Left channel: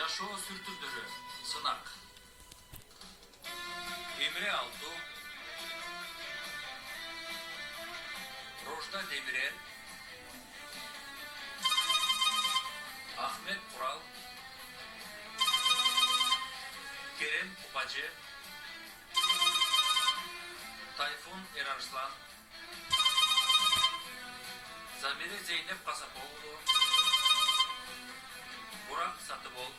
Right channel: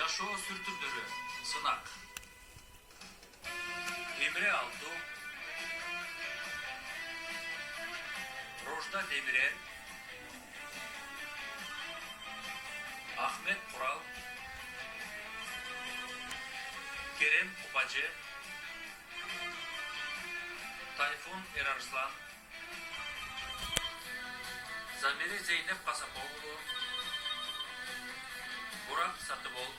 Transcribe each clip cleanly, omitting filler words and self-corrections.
Жашоо сүртүмдөрү сынак. Эмре Алту, Рожда Демирел, Ахмет Курал, Керем Купачы, Тайфун Эрарслан, Замире Зейнеп Касаповлу, Бурак Сатыбол,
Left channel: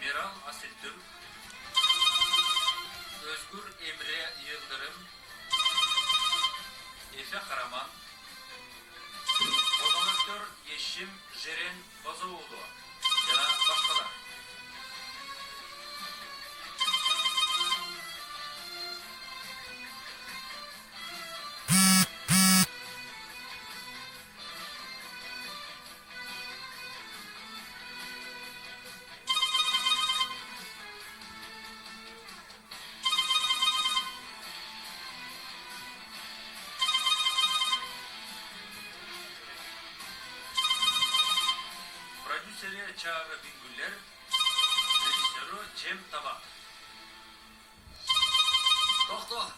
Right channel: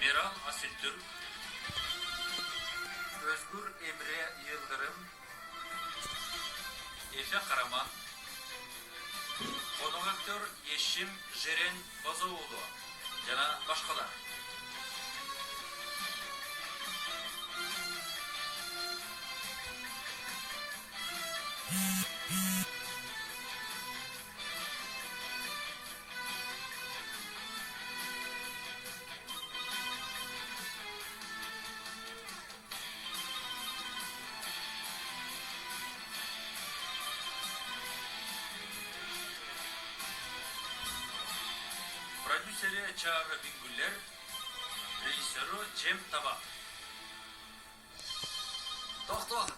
Мирал Асилтürk, Özgür Emre Yıldırım, Efe Karaman, Kodonaktör Yeşim Jeren Bazoğlu, yana başkalar. Продюсері Çağrı Bingüller, rejissörü Cem Tabak. Doktor.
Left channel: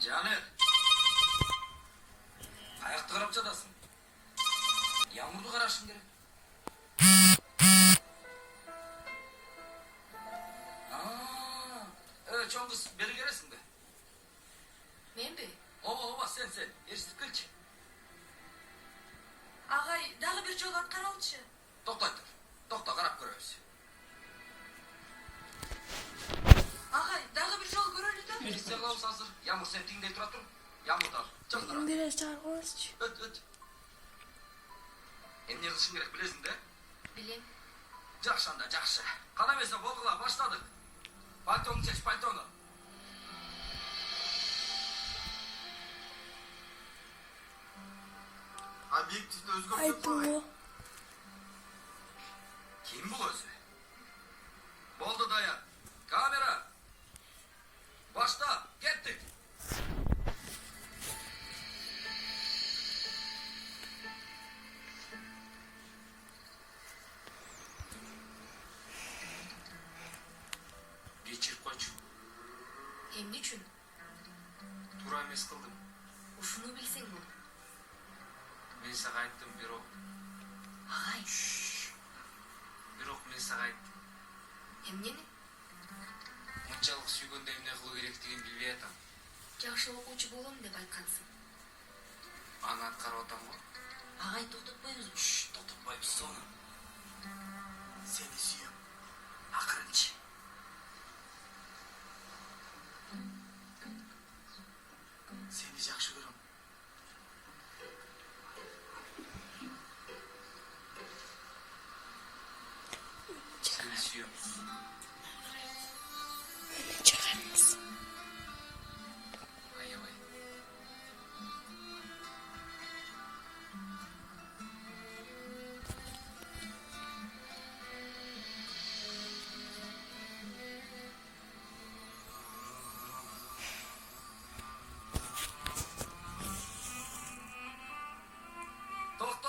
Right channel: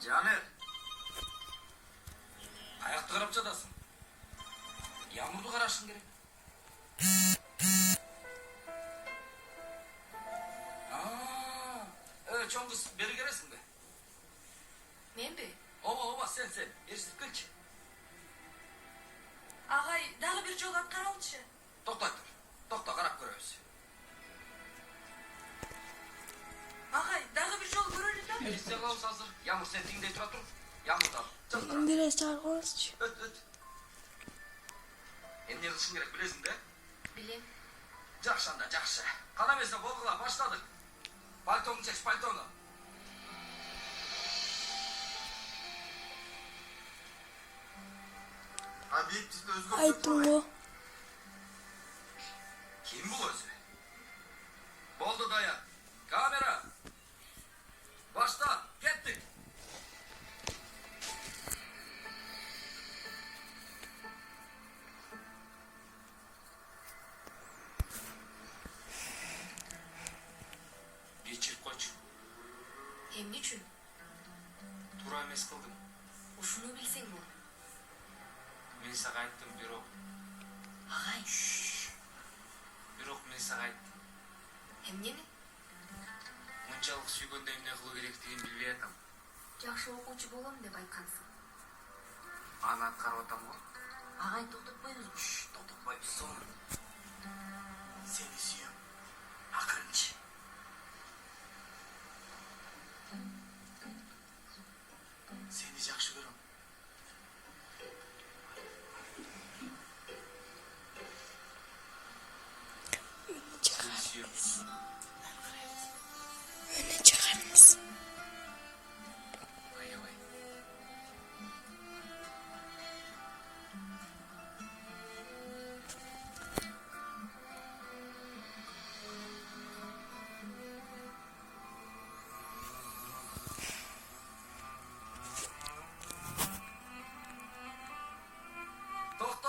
Caner. Ayakta karap çadasın. Yağmurdu karasın gerek. Evet çoğun kız beri gelesin be. Men be? Ova sen. Ersiz kılç. Agay, dagı bir jol atkaralçı. Tokta karap görüyoruz. Agay, dagı bir jol görölü da. Elbise kılavuz hazır. Yağmur sen dingde tura tur. Yağmur da. Canlara. Biraz çağırıyoruz. Öt. Ne kılışın gerek bilesin de. Bilem. Jakşanda jakşı. Kanamesa bolgula başladık. Paltonu seç paltonu. Ha büyük dizide Özgür Ay Türkoğlu. bu. Kim bu özü? Boldu dayan. Kamera. Başla. Gittik. Geçir koç. Hem niçin? Тура эмес кылдым. Uşunu bilsen bu. Мен сага айттым, бирок Agay, мен сага айттым. hem neni? Мынчалык сүйгөндө эмне кылуу керектигин билбей атам. Жакшы окуучу болом деп айткансың. Аны аткарып атам го. Agay, toktotпойбузбу? Totutmayıp sonra. Seni suyum. Akırınç. Seni jakşı görüm. Сени сүйөм. Öne çıkarız. Аябай. Tokto.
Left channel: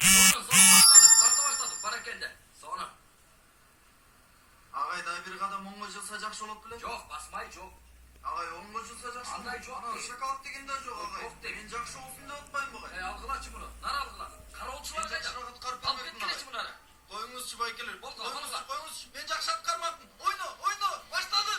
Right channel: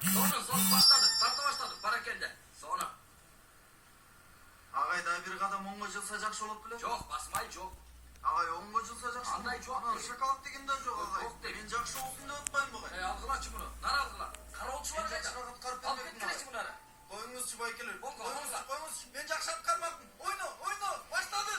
Sonra başladık. Tarta başladık. Barakende. Sonra. Ağay daha bir kadam onga жылса jakşı olup bile. Çok basmay çok. Ağay onga жылса jakşı. Андай çok Ana değil. şakalık degen de yok ağay. Yok değil. Ben jakşı olsun da otmayın bu ağay. Algıla bunu. Nar algıla. Karaolçular Ben kayda. jakşı rahat karıp Alıp vermedim gitkileç ağay. bunları. Koyunuz çıbay gelir. Oldu, Koyunuz oldu. koyunuz. Ben jakşı atkarmaptım. Oyna. Başladı.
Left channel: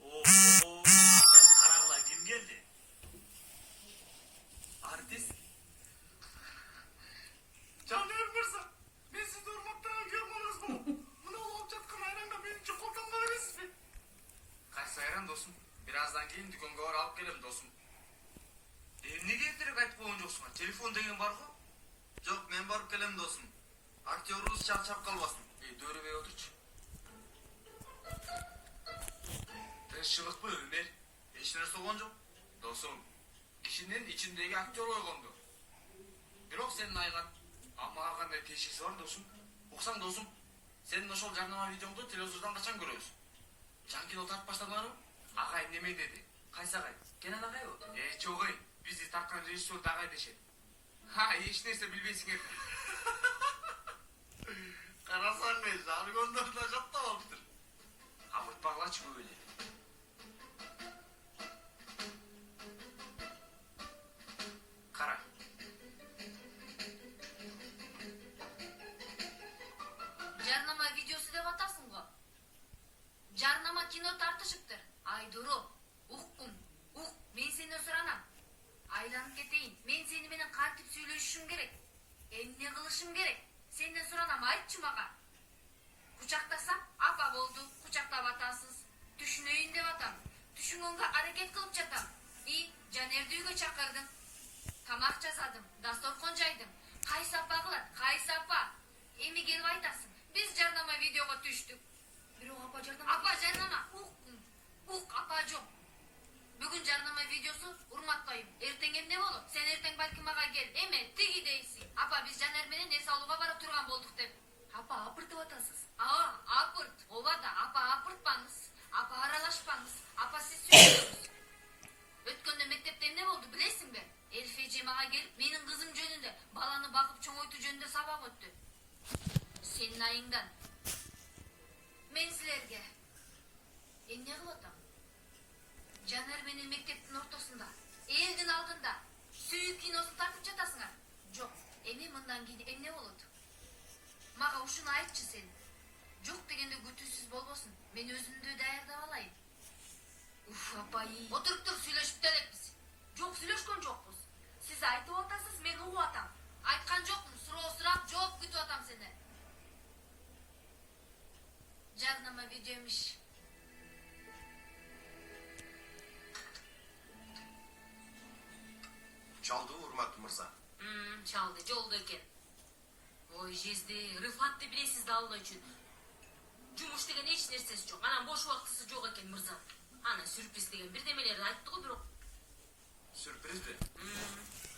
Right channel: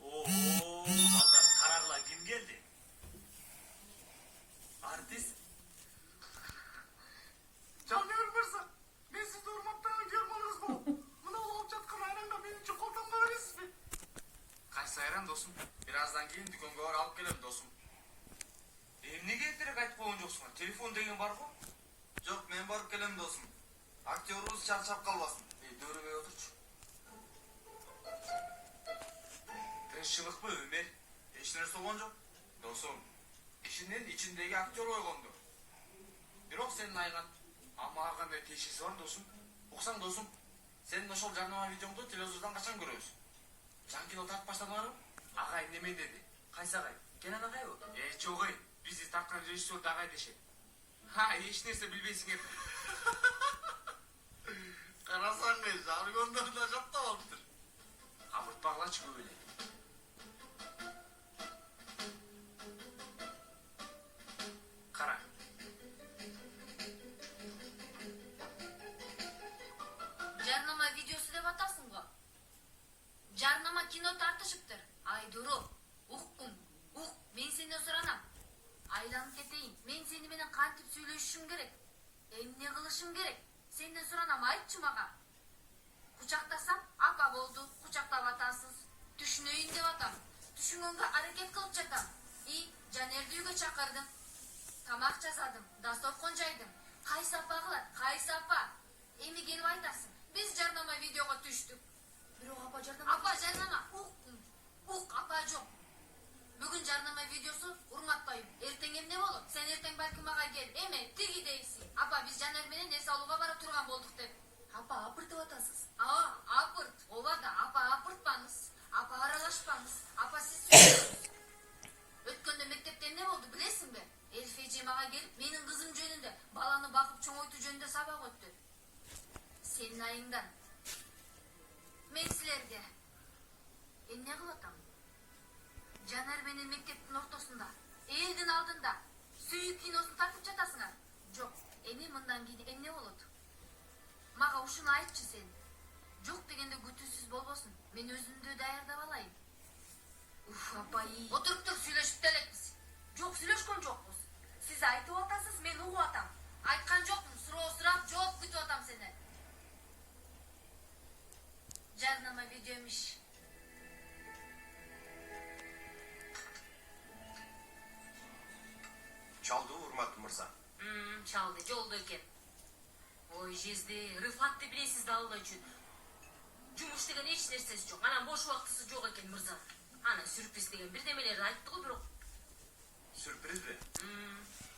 Oo, Mangal, karagla kim geldi? Artist. Caner Mirza. Ben sizi urmaktan görmanız bu. Buna olup çatkan ayranda benim için koltan bağırıyorsunuz be. Kaç sayran dostum. Birazdan gelin dükkanga var alıp gelelim dostum. Emnege erтерээк айтып койгон жоксуң а? Телефон деген бар го? Yok men barıp gelem dostum. Aktörümüz çarçap kalmasın. Дөрүбөй отурчу. Кыйынчылыкпы Өмер? Эч нерсе болгон жок. Досум, кишинин ичиндеги актер ойгондо. Бирок сенин айгат мага кандай тиешеси бар досум? Уксаң досум, сенин ошол жарнама видеоңду телевизордон качан көрөбүз? Жан кино тартып баштадыңарбы? Агай неме деди? Кайсы агай? Кенен агайбы? Жок эй, бизди тарткан режиссер агай дешет. Эч нерсе билбейсиң экен. Карасаң жаргондор да каттап алыптыр. Абыртпагылачы көп эле. Кара. Жарнама видеосу деп атасың го. Жарнама кино тартышыптыр. Айдуру, уккун, ук, мен сени суранам. Айланып кетейин. Мен сени менен кантип сүйлөшүшүм керек? Эмне кылышым керек? Сенден суранам, айтчы мага. Кучактасам, апа болду, кучактап атасыз. Түшүнөйүн деп атам. Түшүнгөнгө аракет кылып жатам. Жанерди үйгө чакырдым. Тамак жасадым, дасторкон жайдым. Кайсы апа кылат, кайсы апа? Эми келип айтасың, биз жарнама видеого түштүк. Бирок апа жарнама... Апа жарнама, ук, апа жок. Бүгүн жарнама видеосу урматпайм. Эртең эмне болот? Сен эртең балким мага кел. Эме тиги дейсиң. Апа биз Жанер менен эс алууга барып турган болдук деп. Апа апыртып атасыз. Апырт. Ооба да, апа апыртпаңыз. Апа аралашпаңыз. Апа сиз сүйлөңүз. Өткөндө мектепте эмне болду билесиңби? Элфи эже мага келип, менин кызым жөнүндө, баланы бакып чоңойтуу жөнүндө сабак өттү. Сенин айыңдан. Мен силерге эмне кылып атам? Жанар менен мектептин ортосунда, элдин алдында сүйүү киносун тартып жатасыңар. Жок, эми мындан кийин эмне болот? Мага ушуну айтчы сен. Жок дегенде күтүүсүз болбосун. Мен өзүмдү даярдап алайын. Апай. Отуруп тур, сүйлөшүп элекпиз. Жок, сүйлөшкөн жокпуз. Сиз айтып атасыз, мен угуп атам. Айткан жокмун, суроо сурап, жооп күтүп атам сени. Жарнама видеомиш. Чалды урматтуу мырза. Чалды, жолдо экен. Ой, жезди, Рыфатты билесиз да Алла үчүн. Жумуш деген эч нерсеси жок. Анан бош убактысы жок экен мырза. Ана сюрприз деген бирдемелерди айтты го бирок. Сюрпризби?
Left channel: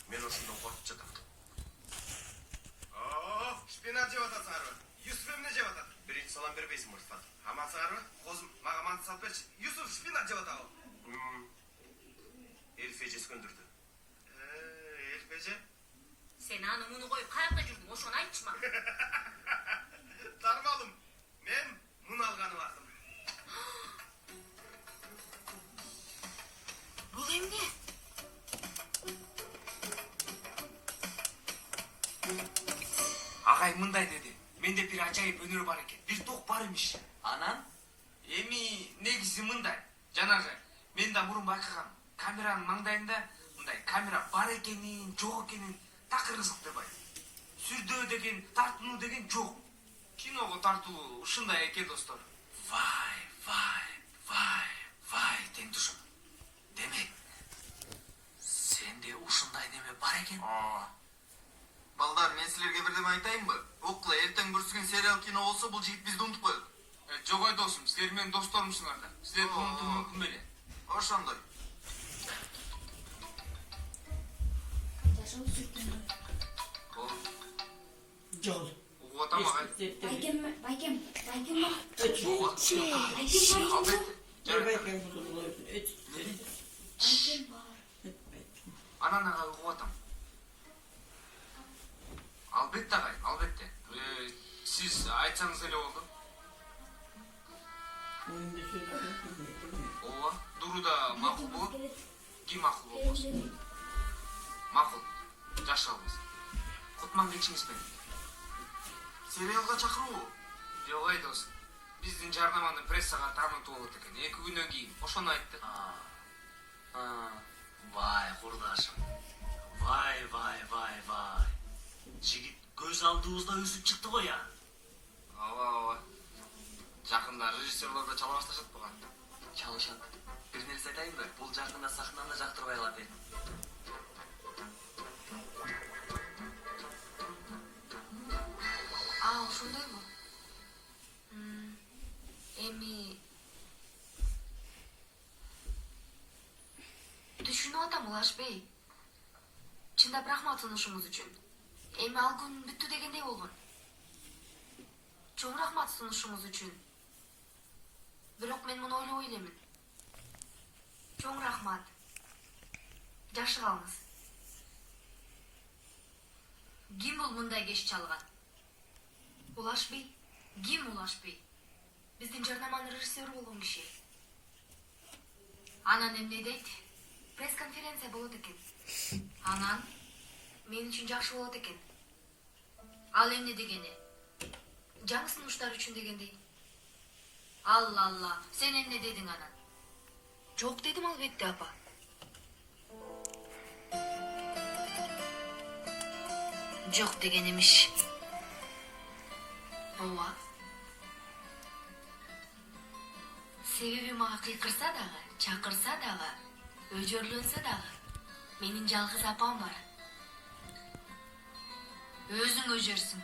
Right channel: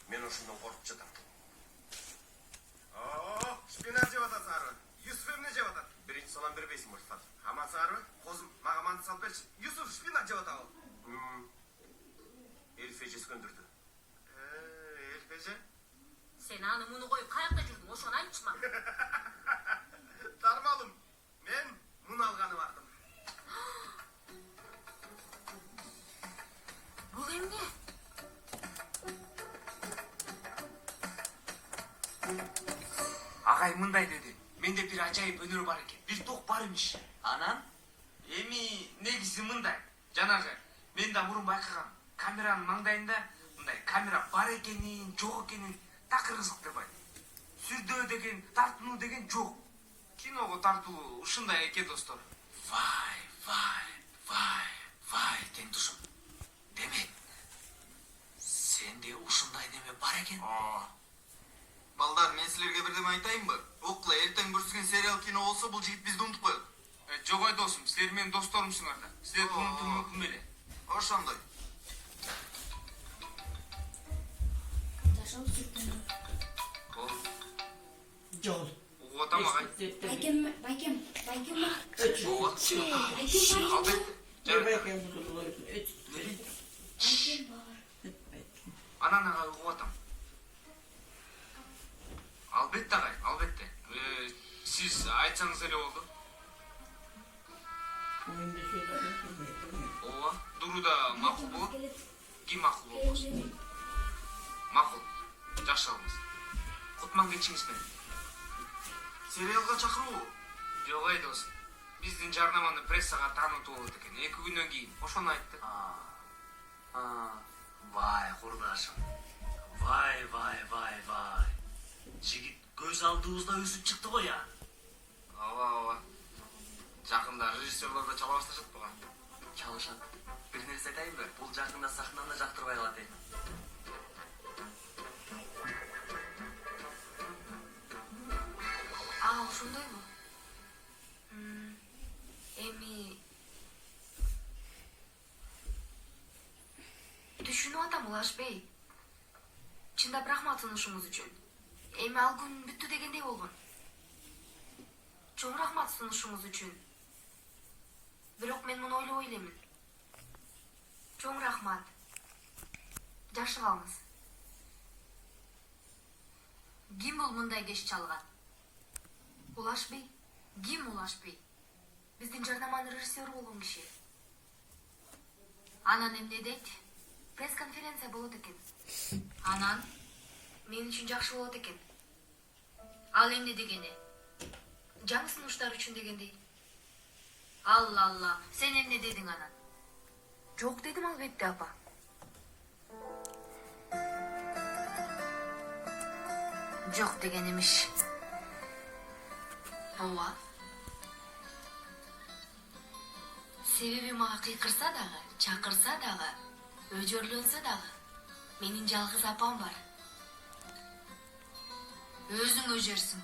Мен ошондон коркуп жатам. Шпинат жеп атасыңарбы? Юсуф эмне жеп атат? Биринчи салам бербейсиңби Рыфат? Амансыңарбы? Козум, мага манты салып берчи. Юсуф шпинат жеп атабы? Элфи эже өскөндүрдү. Элфи эже? Сен аны муну коюп каякта жүрдүң? Ошону айтчы мага. Тармалым. Мен муну алганы бардым. Бул эмне? Агай мындай деди. Менде бир ажайып өнөр бар экен. Бир ток бар имиш. Анан эми негизи мындай. Жанагы мен да мурун байкагам. Камеранын маңдайында мындай камера бар экенин, жок экенин такыр кызыктабайм. Сүрдөө деген, тартынуу деген жок. Киного тартуу ушундай экен достор. Вай, теңдушум. Демек, сенде ушундай неме бар экен? Балдар, мен силерге бирдеме айтайынбы? Окла, эртең бүрсүгөн сериал кино болсо, бул жигит бизди унутуп коет. Жок ой досум, силер менин досторумсуңар да. Силерди унутуу мүмкүн беле? Ошондой. Жол. Угуп атам агай. Байкем. Анан агай угуп атам. Албетте агай, албетте. Сиз айтсаңыз эле болду. Ооба, Дуруда макул болот. Ким макул болбосун? Макул. Жакшы алыңыз. Кутман келишиңиз менен. Сериалга чакыруу. Жок ай досум. Биздин жарнаманы прессага таанытуу болот экен. 2 күнөн кийин. Ошону айтты. Vay kurdaşım. Vay. Жигит көз алдыбызда өсүп чыкты го я. Ооба. Жакында режиссерлор да чала башташат буга. Чалышат. Бир нерсе айтайынбы? Бул жакында сахнаны да жактырбай калат экен. Ошондойбу? Эми Ulaş Bey, çındап рахмат сунушуңуз үчүн. Эми ал күн бүттү дегендей болгон. Чоң рахмат сунушуңуз үчүн. Бирок мен муну ойлобой элемин. Чоң рахмат. Жакшы калыңыз. Ким бул мындай кеч чалган? Улаш Бей? Ким Улаш Бей? Биздин жарнаманын режиссеру болгон киши. Анан эмне дейт? Пресс-конференция болот экен. Анан мен үчүн жакшы болот экен. Ал эмне дегени? Жаңы сунуштар үчүн дегендей. Алла, сен эмне дедиң анан? Жок дедим албетте, апа. Жок деген эмиш. Ооба. Себеби мага кыйкырса дагы, чакырса дагы, өжөрлөнсө дагы, менин жалгыз апам бар. Өзүң өжөрсүң.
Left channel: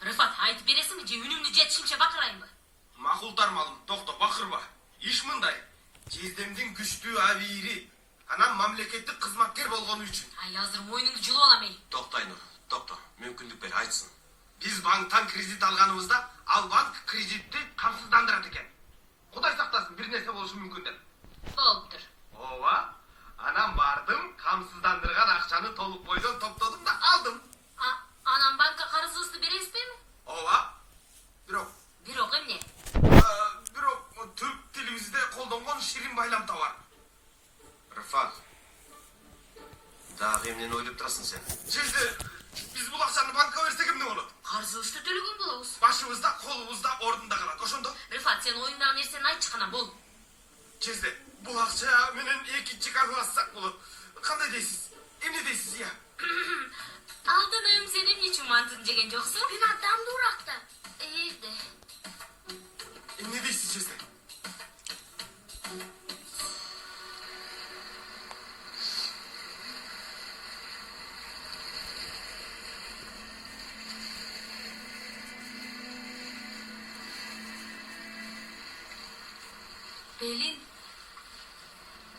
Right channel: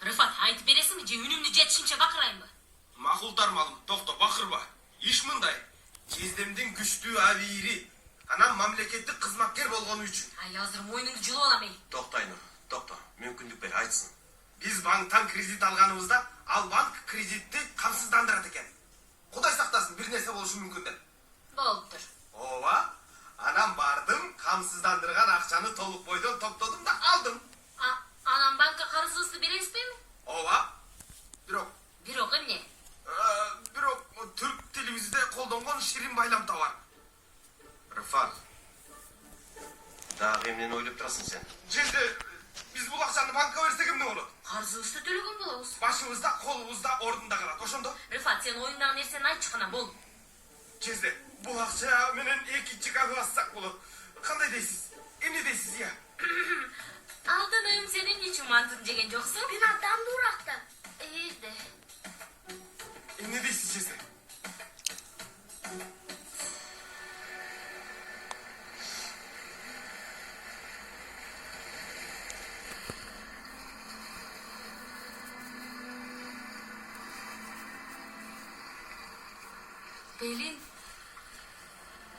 Рыфат, айтып бересиңби же үнүмдү жетишинче бакырайынбы? Макул тармалым, токто, бакырба. Иш мындай. Кездемдин күчтүү абийири, анан мамлекеттик кызматкер болгону үчүн. Ай, азыр мойнуңду жылып алам эй. Токтойну, токто, мүмкүндүк бер, айтсын. Биз банктан кредит алганыбызда, ал банк кредитти камсыздандырат экен. Кудай сактасын, бир нерсе болушу мүмкүн деп. Болуптур. Ооба. Анан бардым, камсыздандырган акчаны толук бойдон топтодум да алдым. Анан банкка карызыбызды бересизби? Ооба. Бирок эмне? Бирок түрк тилибизде колдонгон ширин байламта бар. Рыфат. Дагы эмнени ойлоп турасың сен? Жерде биз бул акчаны банкка берсек эмне болот? Карызыбызды төлөгөн болобуз. Башыбызда, колубузда, ордунда калат. Ошондо Рыфат, сен оюңдагы нерсени айтчы кана, бол. Жерде бул акча менен экинчи кабы бассак болот. Кандай дейсиз? Эмне дейсиз, я? Алтыным, сен эмне үчүн мантын жеген жоксуң? Мен адам дуракта. Эйде. Эмне дейсиз, жерде? Белин,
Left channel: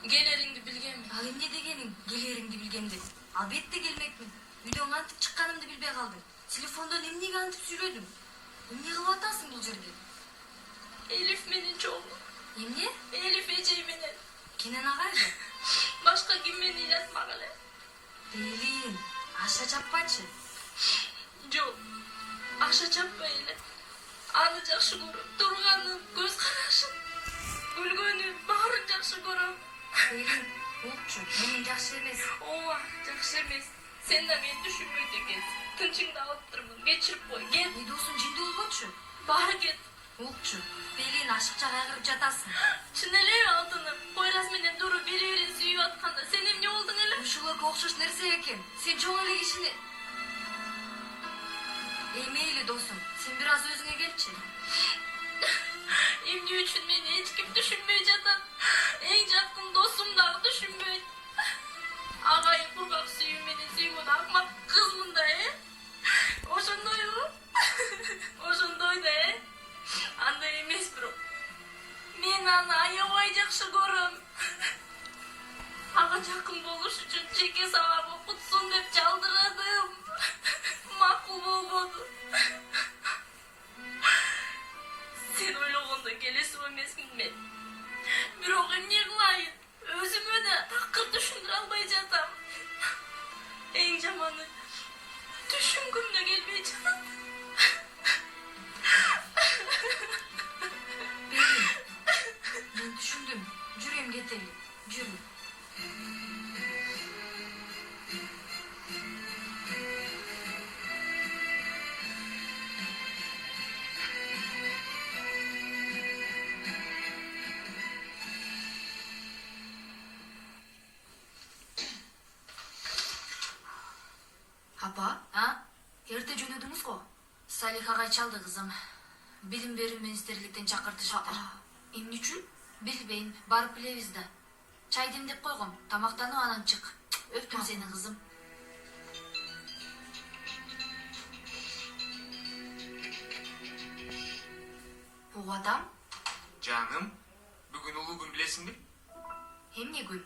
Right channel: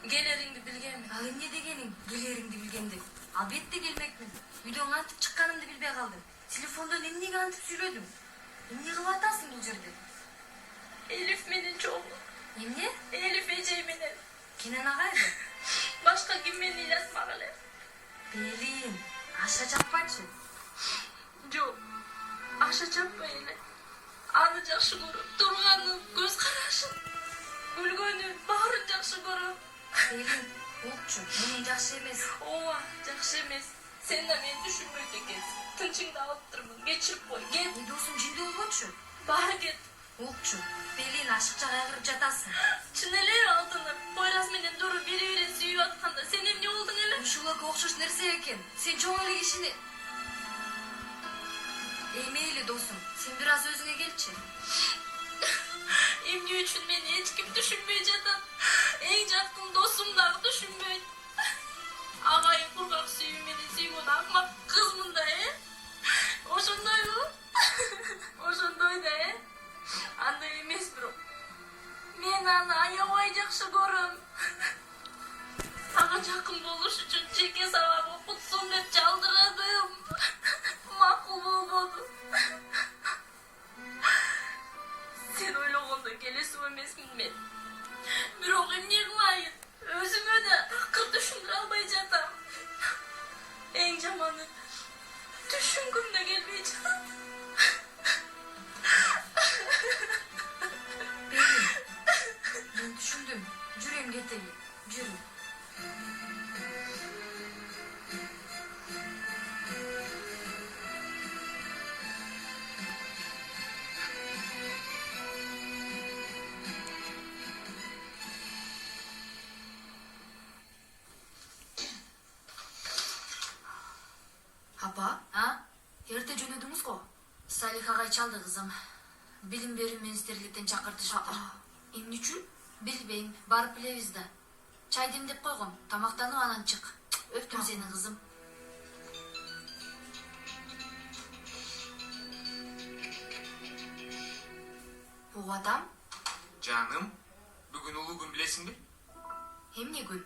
Келериңди билгенмин. ал эмне дегениң? Келериңди билгемдин. Албетте келмекмин. Үйдөн кантип чыкканымды билбей калдым. Телефондон эмнеге антип сүйлөдүм? Эмне кылып атасың бул жерде? Элиф менен чогуу. Эмне? Элиф эжей менен. Кенен агайбы? Башка ким мени ыйлатмак эле. Белин, аша жаппачы. Жок. Аша чаппай эле. Аны жакшы көрөм. Турганын, көз карашын, күлгөнүн баарын жакшы көрөм. Белин, болчу, менин жакшы эмес. Ооба, жакшы эмес. Сен да мени түшүнбөйт экенсиң. Тынчыңды алып турмун. Кечирип кой. Кет. Досуң жинди болбочу? Баары кет. Болчу. Белин, ашыкча кайгырып жатасың. Чын эле алтыным. Койрас менен Дуру бири-бирин сүйүп атканда сен эмне болдуң эле? Ушуларга окшош нерсе экен. Сен чоң эле кишини. Мейли досум, сен бир аз өзүңө келчи. Эмне үчүн мени эч ким түшүнбөй жатат? Эң жакын досум дагы түшүнбөйт. Агайын кургак сүйүү менен сүйгөн акмак кызмын да, Ошондойбу? Ошондой да, Андай эмес бирок. Мен аны аябай жакшы көрөм. Ага жакын болуш үчүн жеке сабак окутсун деп жалдырадым. Макул болбоду. Сен ойлогондой келесип эмесмин мен. Бирок эмне кылайын? Өзүмө да такыр түшүндүрө албай жатам. Эң жаманы түшүнгүм да келбей жатат. Мен түшүндүм. Жүрөм кетели. Жүрү. Апа? Эрте жөнөдүңүз го? Салих агай чалды кызым. Билим берүү министрликтен чакыртышты. Эмне үчүн? Билбейм, барып билебиз да. Чай демдеп койгом, тамактанып анан чык. Өптүм сени кызым. угуп атам. Жаным, бүгүн улуу күн билесиңби? Эмне күн?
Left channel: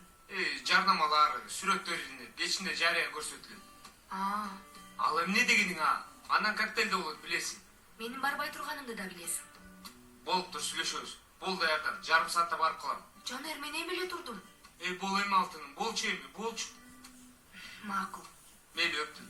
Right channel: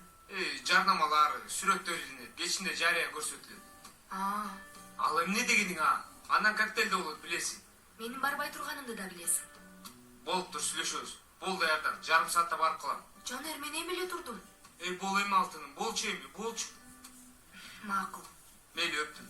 Жарнамалар, сүрөттөр илинет, кечинде жарыя көрсөтүлөт. Ал эмне дегениң Анан коктейль да болот билесиң. Менин барбай турганымды да билесиң. Болуптур, сүйлөшөбүз. Болду аярдан, жарым саатта барып калам. Жанер, мен эми эле турдум. Бол эми алтыным, болчу эми, болчу. Макул. Мейли өптүм.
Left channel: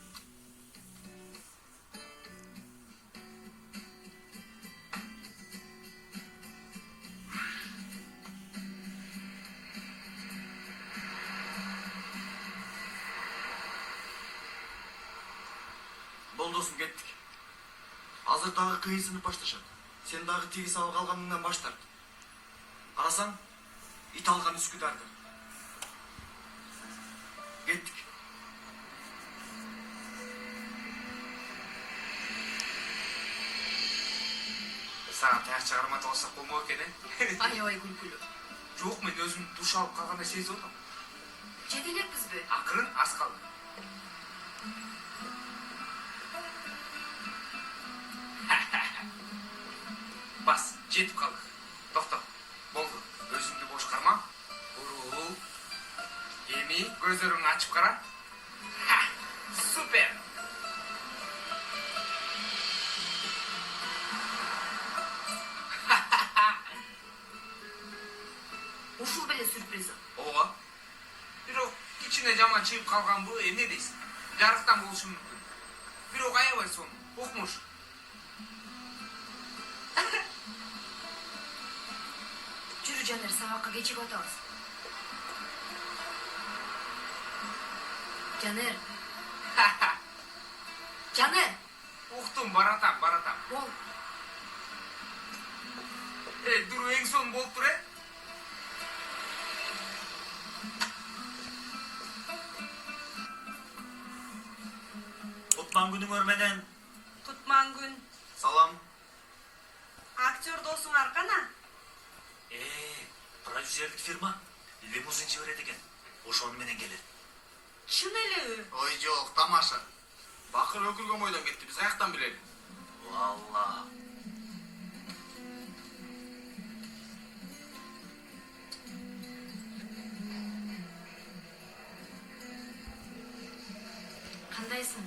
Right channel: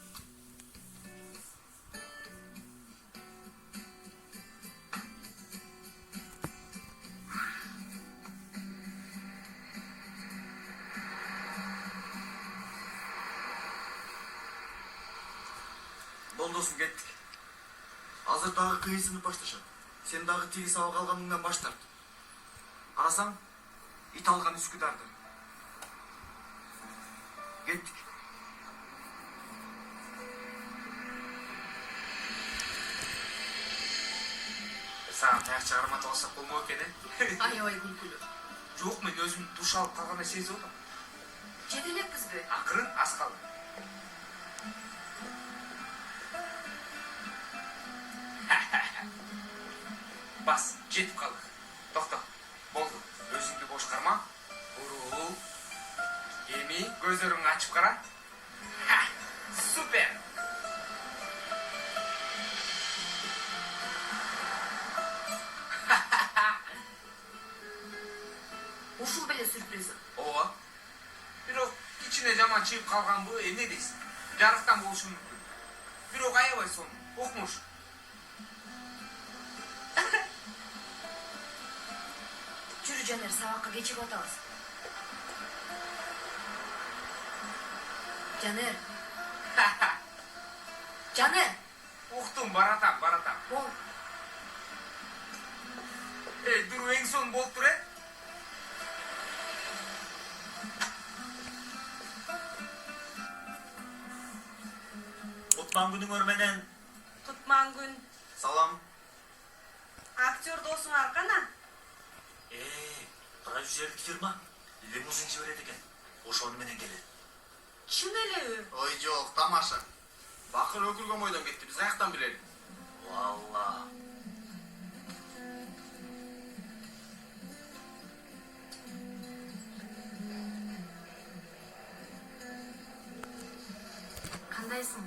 Болдосун кеттик. Азыр дагы кыйын сынып башташат. Сен дагы тиги сабак алганыңдан баш тарт. Карасаң, ит алган Үскүдарды. Кеттик. Сага таяк чыгарматып алсак болмок экен, Аябай күлкүлүү. Жок, мен өзүм душ алып калгандай сезип атам. Жете элекпизби? Акырын, аз калды. Бас, жетип калдык. Токто, болду. Өзүңдү бош карма. Бурул. Эми көзөрүңдү ачып кара. Супер! Ушул беле сюрпризim. Ооба. Бирок кичине жаман чыгып калганбы, эмне дейсиң? Жарыктан болушу мүмкүн. Бирок аябай сонун, укмуш. Жүрү Жанер, сабакка кечигип атабыз. Жанер. Жанер. Уктум, баратам. Бол. Дуру эң сонун болуп тур, Кутман күнүңөр менен. Кутман күн. Салам. Актер досуңар кана? Продюсерлик фирма лимузин жиберет экен. Ошону менен келет. Чын элеби? Ой жок, тамаша. Бакыр өкүлгөн бойдон кетти. Биз каяктан билели? Валла. Кандайсың?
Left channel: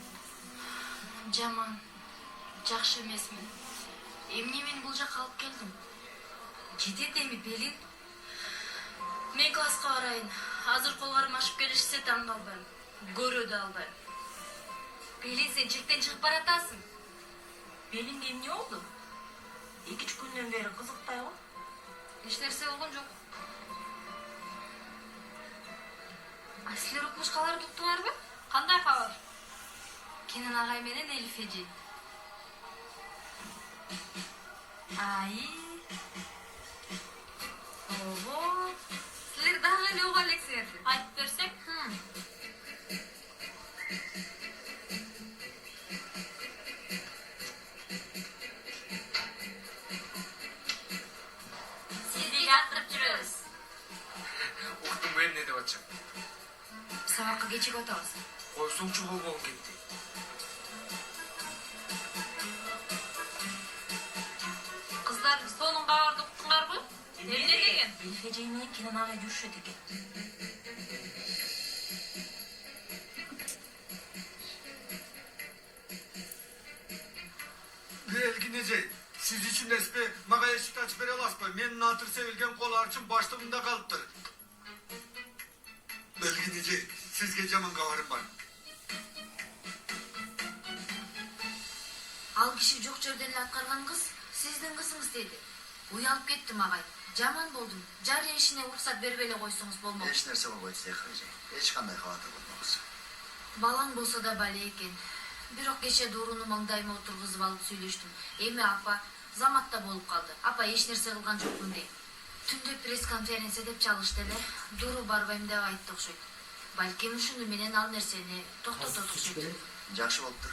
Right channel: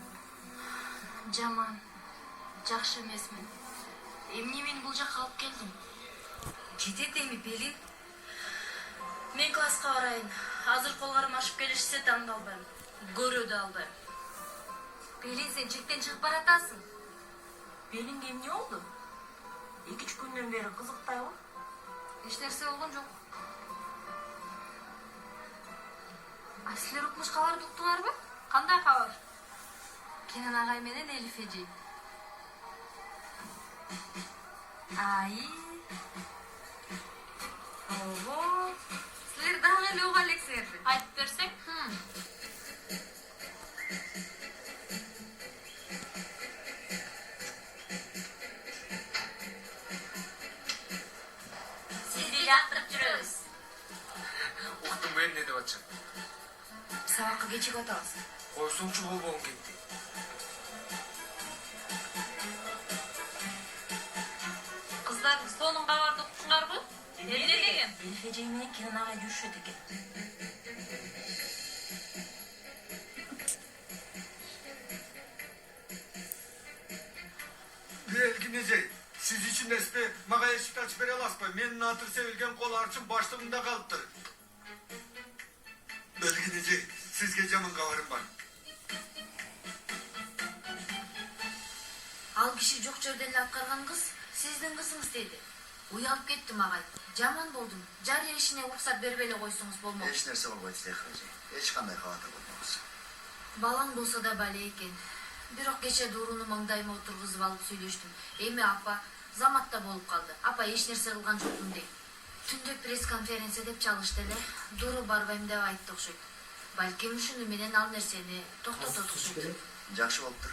Жаман. Жакшы эмесмин. Эмне мени бул жакка алып келдиң? Жетет эми белин. Мен класска барайын. Азыр колгарым ашып келишсе таң калбайм. Көрө да албайм. Белин, сен чектен чыгып баратасың. Белиңге эмне болду? 2-3 күндөн бери кызыктайбы? Эч нерсе болгон жок. Силер укмушкаларды уктуңарбы? Кандай кабар? Кенен агай менен Элиф эже. Ай. Ого. Силер дагы эле уга элексиңерби? Айтып берсең? Сизди жактырып жүрөбүз. Уктум, эмне деп атчак? Сабакка кечигип атабыз. Койсоңчу болбогум кетти. Кыздар, сонун кабарды укуңарбы? Эмне деген? Элиф эже менен Кенен агай жүрүшөт экен. Белгин эже, сиз ичиндесизби? Мага эшикти ачып бере аласызбы? Менин натыр себилген кол арчым баштыгымда калыптыр. Белгин эже, сизге жаман кабарым бар. Ал киши жок жерден эле аткарган кыз сиздин кызыңыз деди. Уялып кеттим агай. Жаман болдум. Жарыя ишине уруксат бербей эле койсоңуз болмок. Эч нерсе болбойт, Зехра эже. Эч кандай кабатыр болмоңуз. Балаң болсо да бале экен. Бирок кече Дууруну маңдайыма отургузуп алып сүйлөштүм. Эми апа заматта болуп калды. Апа эч нерсе кылган жокмун дейт. Түндө пресс-конференция деп чалышты эле. Дууру барбайм деп айтты окшойт. Балким ушуну менен ал нерсени токтотот окшойт. Жакшы болуптур.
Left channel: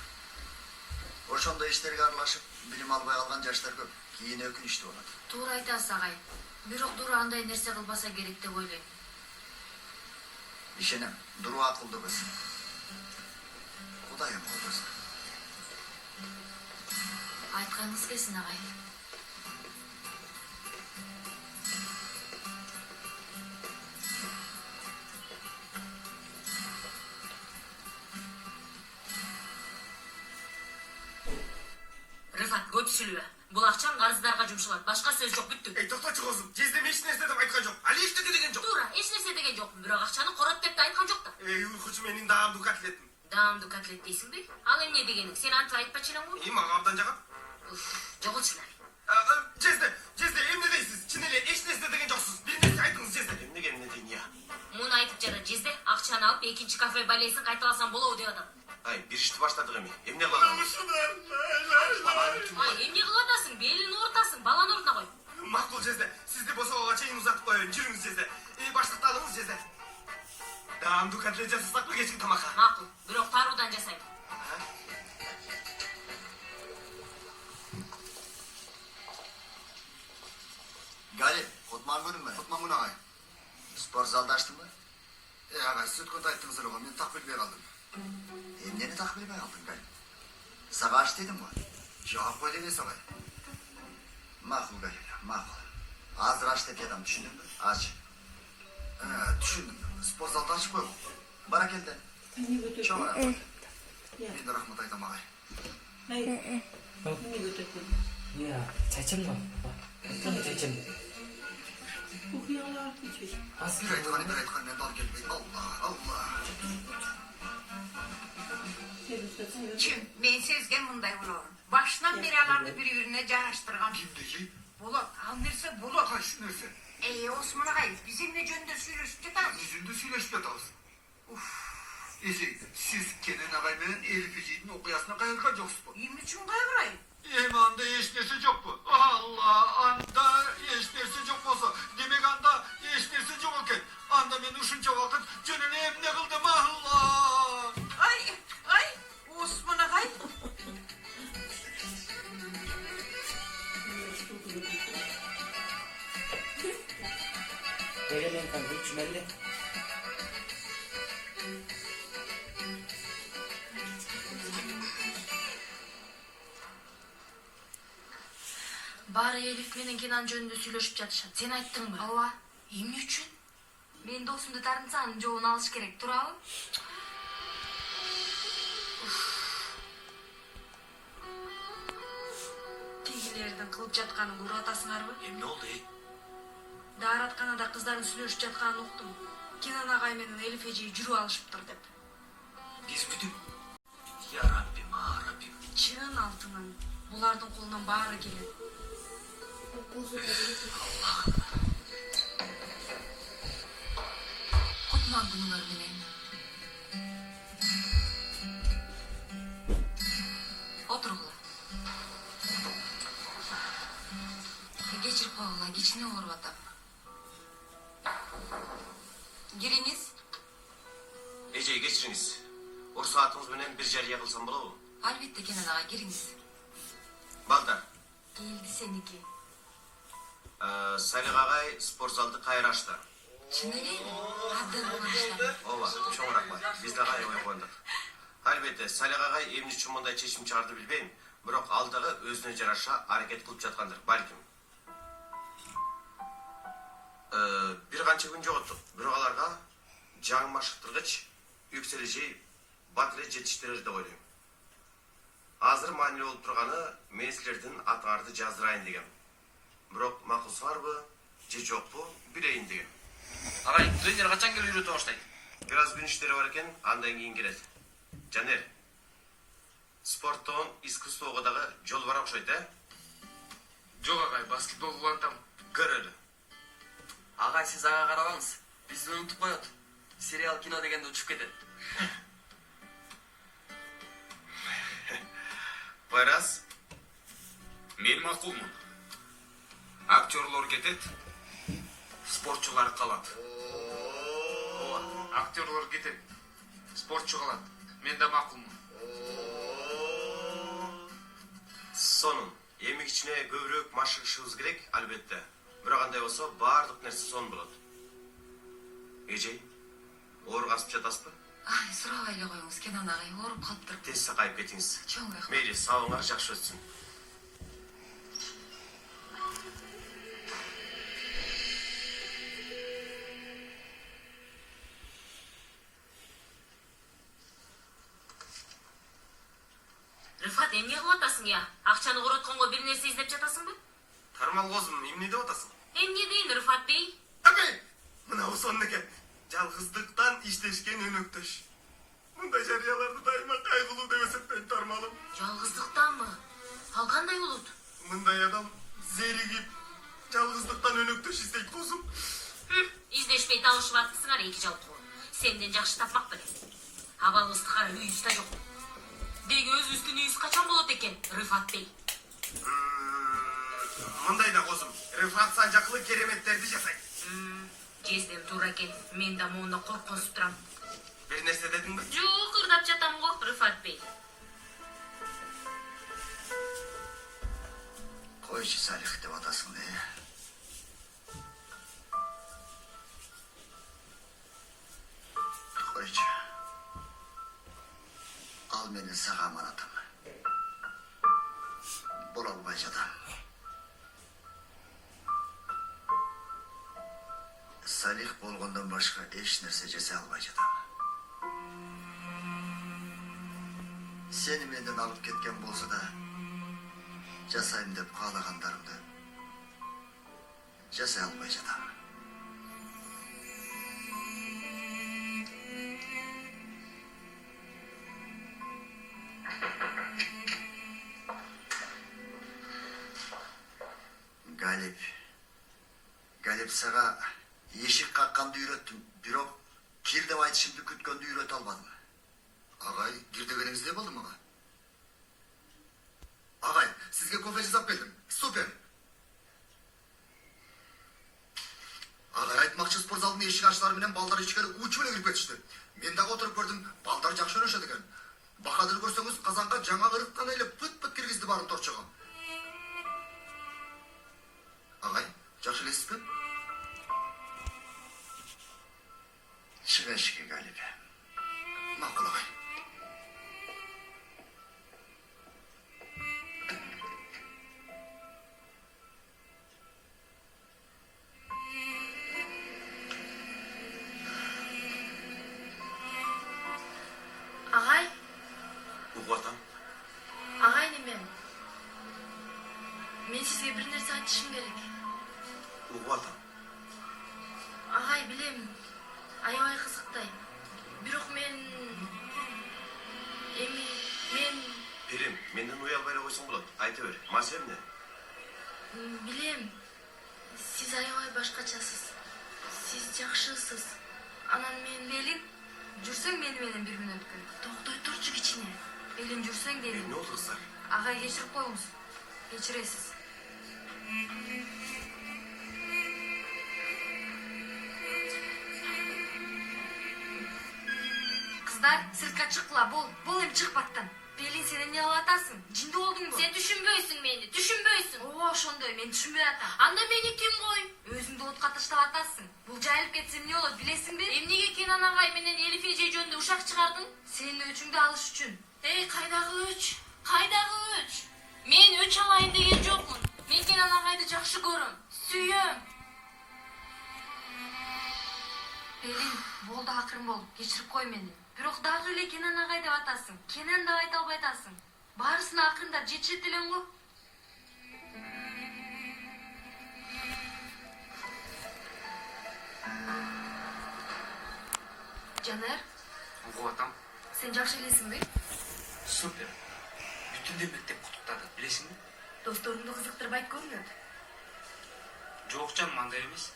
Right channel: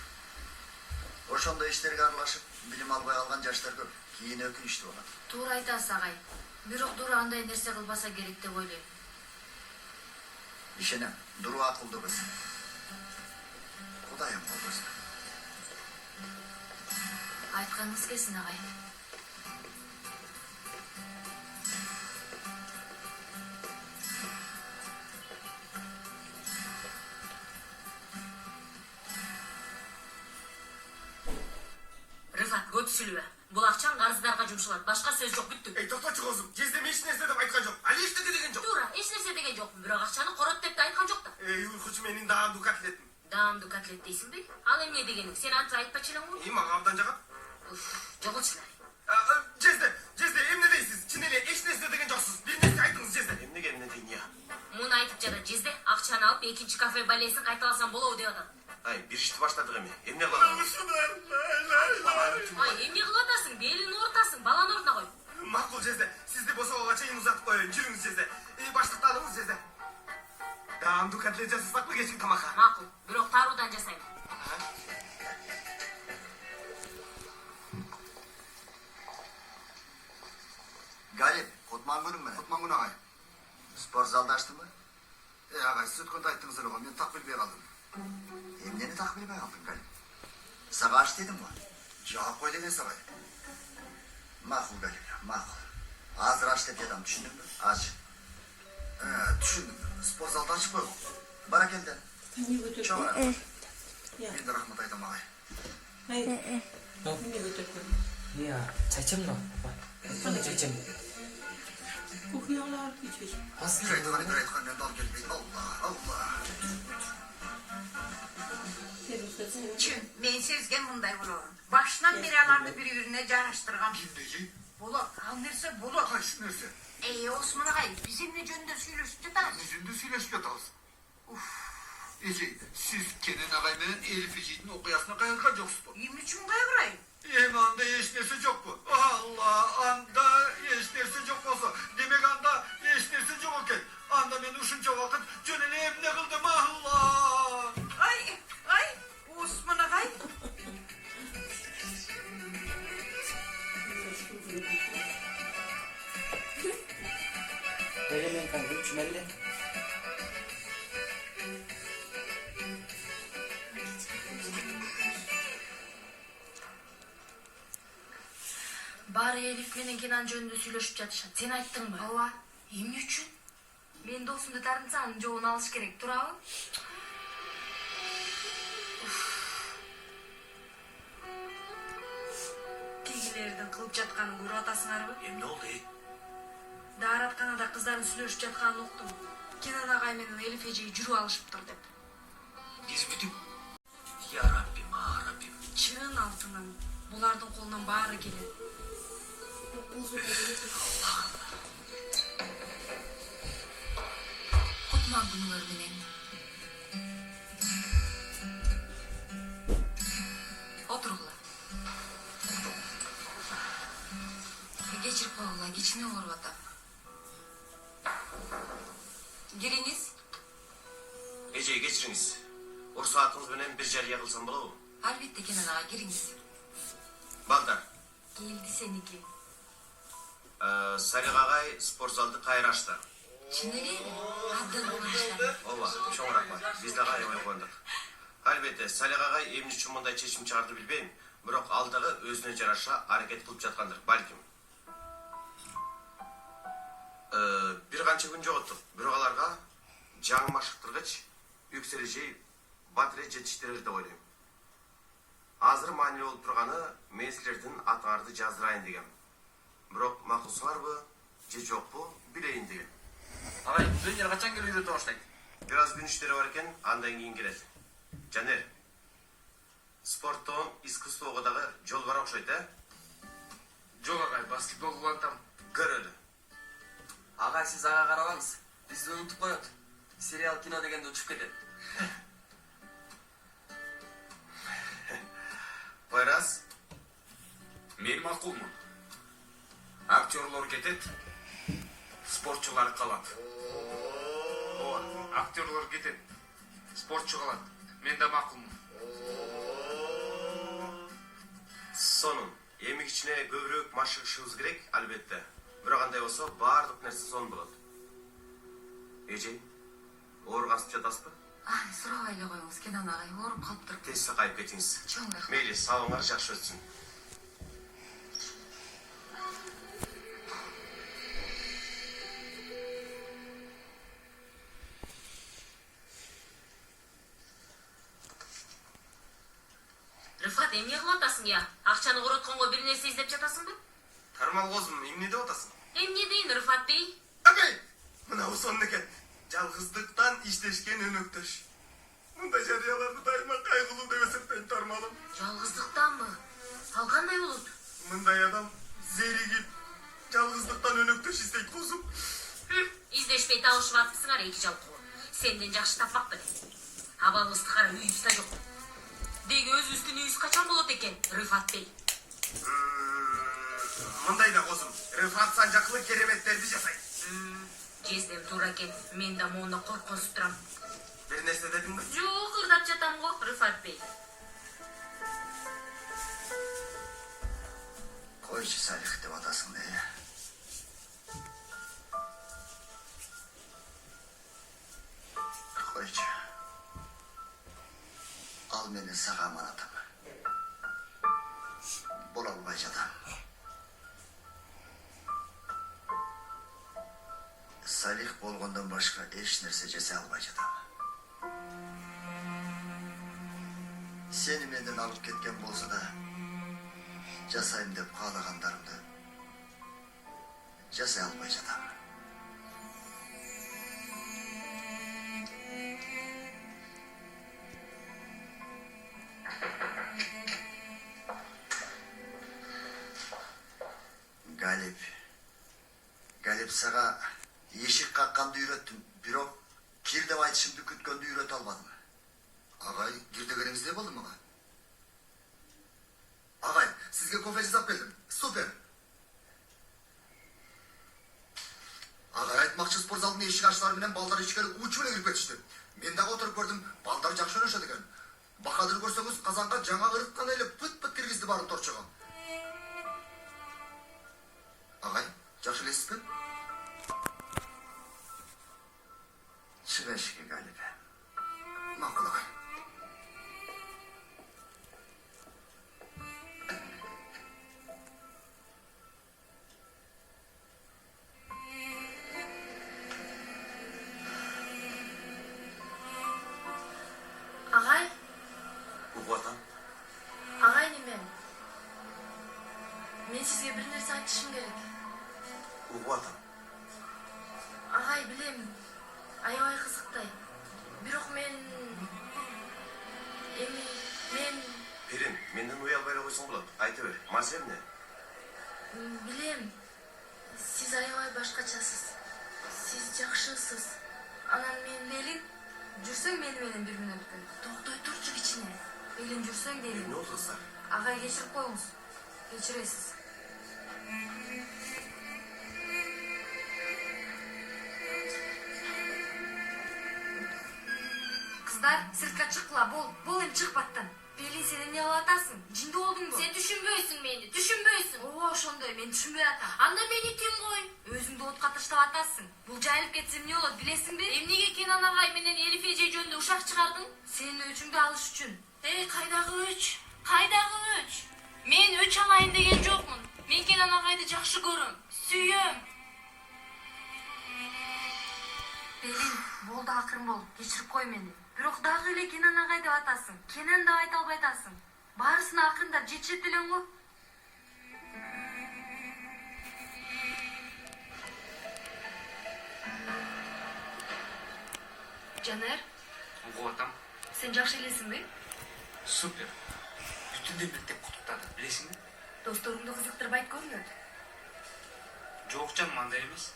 Ошондой иштерге аралашып, билим албай калган жаштар көп. Кийин өкүнүчтүү болот. Туура айтасыз агай. Бирок Дууру андай нерсе кылбаса керек деп ойлойм. Ишенем, Дуру акылдуу кыз. Кудайым колдосун. Айтканыңыз келсин агай. сүйлөбө. Бул акчаң карыздарга жумшалат. Башка сөз жок, бүттү. Ey toktочу кызым, жездеме эч нерсе деп айткан жок. Али эчтеке деген жок. Туура, эч нерсе деген жок. Бирок акчаны корот деп да айткан жок да. Ey уйкучу менин даамдуу котлетим. Даамдуу котлет дейсиңби? Ал эмне дегениң? Сен антип айтпачу элең го? Мага абдан жагат. Жогулчулар. Жезде, эмне дейсиз? Чын эле эч нерсе деген жоксуз. Бир нерсе айтыңыз, Жезде. Эмне дейин я? Муну айтып жара Жезде, акчаны алып экинчи кафе балесин кайталасам болобу деп атат. Ай, бир ишти баштадык эми. Эмне кылабыз? Ай, эмне кылып атасың? Белин оортасың, баланы ордуна кой. Макул, Жезде. Сизди босогого чейин узатып коеюн. Жүрүңүз, Жезде. Баштыкты алыңыз, Жезде. Даамдуу котлет жасасакпы кечки тамакка? Макул, бирок таруудан жасайм. Галип, Кутмангүнүм мен. Кутмангүн агай. Спорт залды аштыңбы? Агай, сиз өткөндө айттыңыз эле го, мен так билбей калдым. Эмнени так билбей калдың, Галип? Сага аш дедим го. Жооп кой дегенсиз агай. Макул, Галип, макул. Азыр аш деп жатам, түшүндүңбү? Ач. Түшүндүм. Спорт залды ачып коюп. Бара келди. Чоң рахмат. Мен да рахмат айтам агай. 뭐야 잘 참가 봐 어떤 잘 참. Бир айткан, енді ал келбейді. Алла. Чим, мен сезген мындай болор. Башынан бери аларды бири-бирине жааштырган. Кимдеги? Болот, ал нерсе болот. Кайсы нерсе? Осмон агай, биз эмне жөнүндө сүйлөшүп жатабыз? Yüzünde söyleşip yatalız. Ece, siz Kenan ağay menен Elif Ece'nin okuyasına kayırgan joksuz. Эмне үчүн кайгырайм? Anda hiç nerse yok bu. Allah, anda hiç nerse yok olsa. Demek anda hiç nerse yok oken. Anda ben uşunca vakit cönüne emne kıldım Allah. Ay, Osman agay. 내려면 간 주말이래. Баары Элиф менен Кенан жөнүндө сүйлөшүп жатышат. Сен айттыңбы? Ооба. Эмне үчүн? Мен досумду тартынса анын жообун алыш керек, туурабы? Тигилердин кылып жатканын көрүп атасыңарбы? Эмне болду, Дааратканада кыздардын сүйлөшүп жатканын уктум. Кенан агай менен Элиф эжеги жүрүп алышыптыр деп. Биз бүтүп. Я Раббим. Чын алтыным, булардын колунан баары келет. Кутмангунуңар менен. Отургула. Кечирип койгула, кичине ооруп атам. Кириңиз. Эже, кечириңиз. Урсаатыңыз менен бир жарыя кылсам болобу? Албетте, Кенан ага, кириңиз. Балдар, Келди сеники. Салих агай спорт залды кайра ачты. Чын элеби? Абдан кубаныштар. Ооба, чоң рахмат. Биз да кайра койгондук. Албетте, Салих агай эмне үчүн мындай чечим чыгарды билбейм, бирок ал дагы өзүнө жараша аракет кылып жаткандыр, балким. Бир канча күн жоготтук, бирок аларга жаңы машыктыргыч, үксележей, батыре жетиштирер деп ойлойм. Азыр маанилүү болуп турганы мен силердин атыңарды жаздырайын дегем. Бирок макулсуңарбы, же жокпу, билейин дегем. Агай, тренер качан келип үйрөтө баштайт? Бир аз күн иштери бар экен, андан кийин келет. Жанер, спорттон искусствого дагы жол бар окшойт, Жок агай, баскетбол улантам. Көрөлү. Агай, сиз ага карабаңыз. Бизди унутуп коет. Сериал, кино дегенде учуп кетет. Байрас, Мен макулмун. Актерлор кетет, спортчулар калат. Ооба, актерлор кетет, спортчу калат. Мен да макулмун. сонун. Эми кичине көбүрөөк машыгышыбыз керек, албетте. Бирок андай болсо баардык нерсе сонун болот. Эжей, ооругансып жатасызбы? Ай, сурабай эле коюңуз, Кенан агай, ооруп калыптыр. Тез сакайып кетиңиз. Чоң рахмат. Мейли, сабыңар жакшы өтсүн. Рыфат, эмне кылып атасың я? Акчаны коротконго бир нерсе издеп жатасыңбы? Тармал козум, эмне деп атасың? Эмне дейин Рыфат бей? Агай! Мына сонун экен. Жалгыздыктан иштешкен өнөктөш. Мындай жарыяларды дайыма кайгылуу деп эсептейм, Тармалым. Жалгыздыктанмы? Ал кандай болот? Мындай адам зеригип, жалгыздыктан өнөктөш издейт козум. Издешпей табышып аттысыңар эки жалкоо. Сенден жакшы тапмак беле. Абалыбызды кара, үйүбүз да жок. Деги өзүбүздүн үйүбүз качан болот экен, Рыфат бей? Мындай да козум, Рыфат Санжакылы кереметтерди жасайт. Жездем туура экен. Мен да моуна коркунуп турам. Бир нерсе дедиңби? Жок, ырдап жатам го, Рыфат бей. Койчу Салих деп атасың да. Койчу. Ал менен сага аманатым. Бола албай жатам. Салих болгондон башка эч нерсе жасай албай жатам. Сени менден алып кеткен болсо да, жасайм деп каалагандарымды жасай албай жатам. Галип сага эшик какканды үйрөттүм, бирок кир деп айтышымды күткөндү үйрөтө албадым. Агай, кир дегениңизде болду мага? Агай, сизге кофе жасап келдим. Супер. Агай, айтмакчы спортзалдын эшик ачылары менен балдар ичкери учу эле кирип кетишти. Мен дагы отуруп көрдүм, балдар жакшы ойношот экен. Бакадыр көрсөңүз, казанга жаңа ырыткан эле пыт-пыт киргизди барын торчого. Агай, жакшы элесизби? Чыг эшикке, Галип. Макул, агай. Агай? Угуп атам. Агай немем. Мен сизге бир нерсе айтышым керек. Угуп атам. Агай, билем. Аябай кызыктай. Бирок мен Пирим, менден уялбай эле койсоң болот. Айта бер, маселе эмне? билем. Сиз аябай башкачасыз. Сиз жакшысыз. Анан мен Белин, жүрсөң мени менен бир мүнөт өткөн. Токтой турчу кичине. Белин жүрсөң дедим. Эмне болду кыздар? Агай, кечирип коюңуз. Кечиресиз. Кыздар, сыртка чыккыла, бол эми чыгып аттан. Белин, сен эмне кылып атасың? Жинди болдуңбу? Сен түшүнбөйсүң мени, түшүнбөйсүң. Ооба, ошондой, мен түшүнбөй атам. Анда мени ким кой? Өзүңдү отка таштап атасың. Бул жайылып кетсе эмне болот, билесиңби? Эмнеге Кенан агай менен Элиф эже жөнүндө ушак чыгардың? Сенин өчүңдү алыш үчүн. Кайдагы өч? Кайдагы өч? Мен өч алайын деген жокмун. Мен Кенан агайды жакшы көрөм, сүйөм. Белин, болду, акырын бол, кечирип кой мени. Бирок дагы эле Кенан агай деп атасың. Кенан деп айта албай атасың. Баарысына акырындап жетишет элең го. Жанер, Угуп атам. сен жакшы элесиңби? Супер. Бүтүндөй мектеп куттуктады, билесиңби? Досторуңду кызыктырбайт көрүнөт. Жок жаным, андай эмес.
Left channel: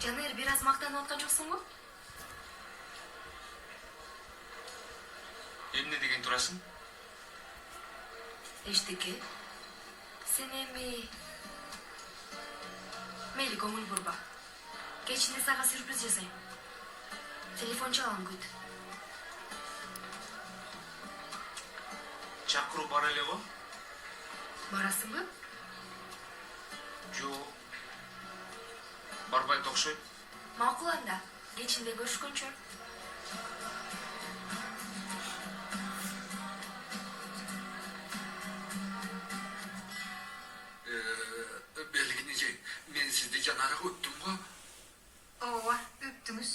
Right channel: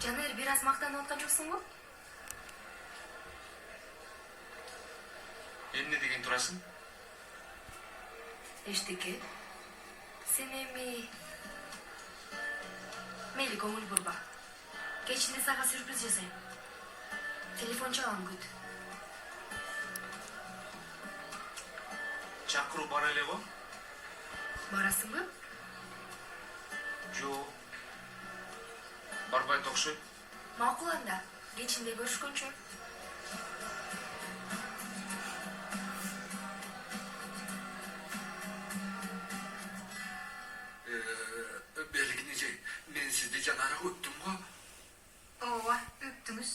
Жанер, бир аз мактанып аткан жоксуң го? Эмне деген турасың? Эчтеке. Сен эми мейли, көңүл бурба. Кечинде сага сюрприз жасайм. Телефон чалам, күт. Чакыруу бар эле го? Барасыңбы? Жок. Барбайт окшойт. Макул анда. Кечинде көрүшкөнчө. Белгини жей, мен сизди жанара өттүм го. Ооба, өптүңүз.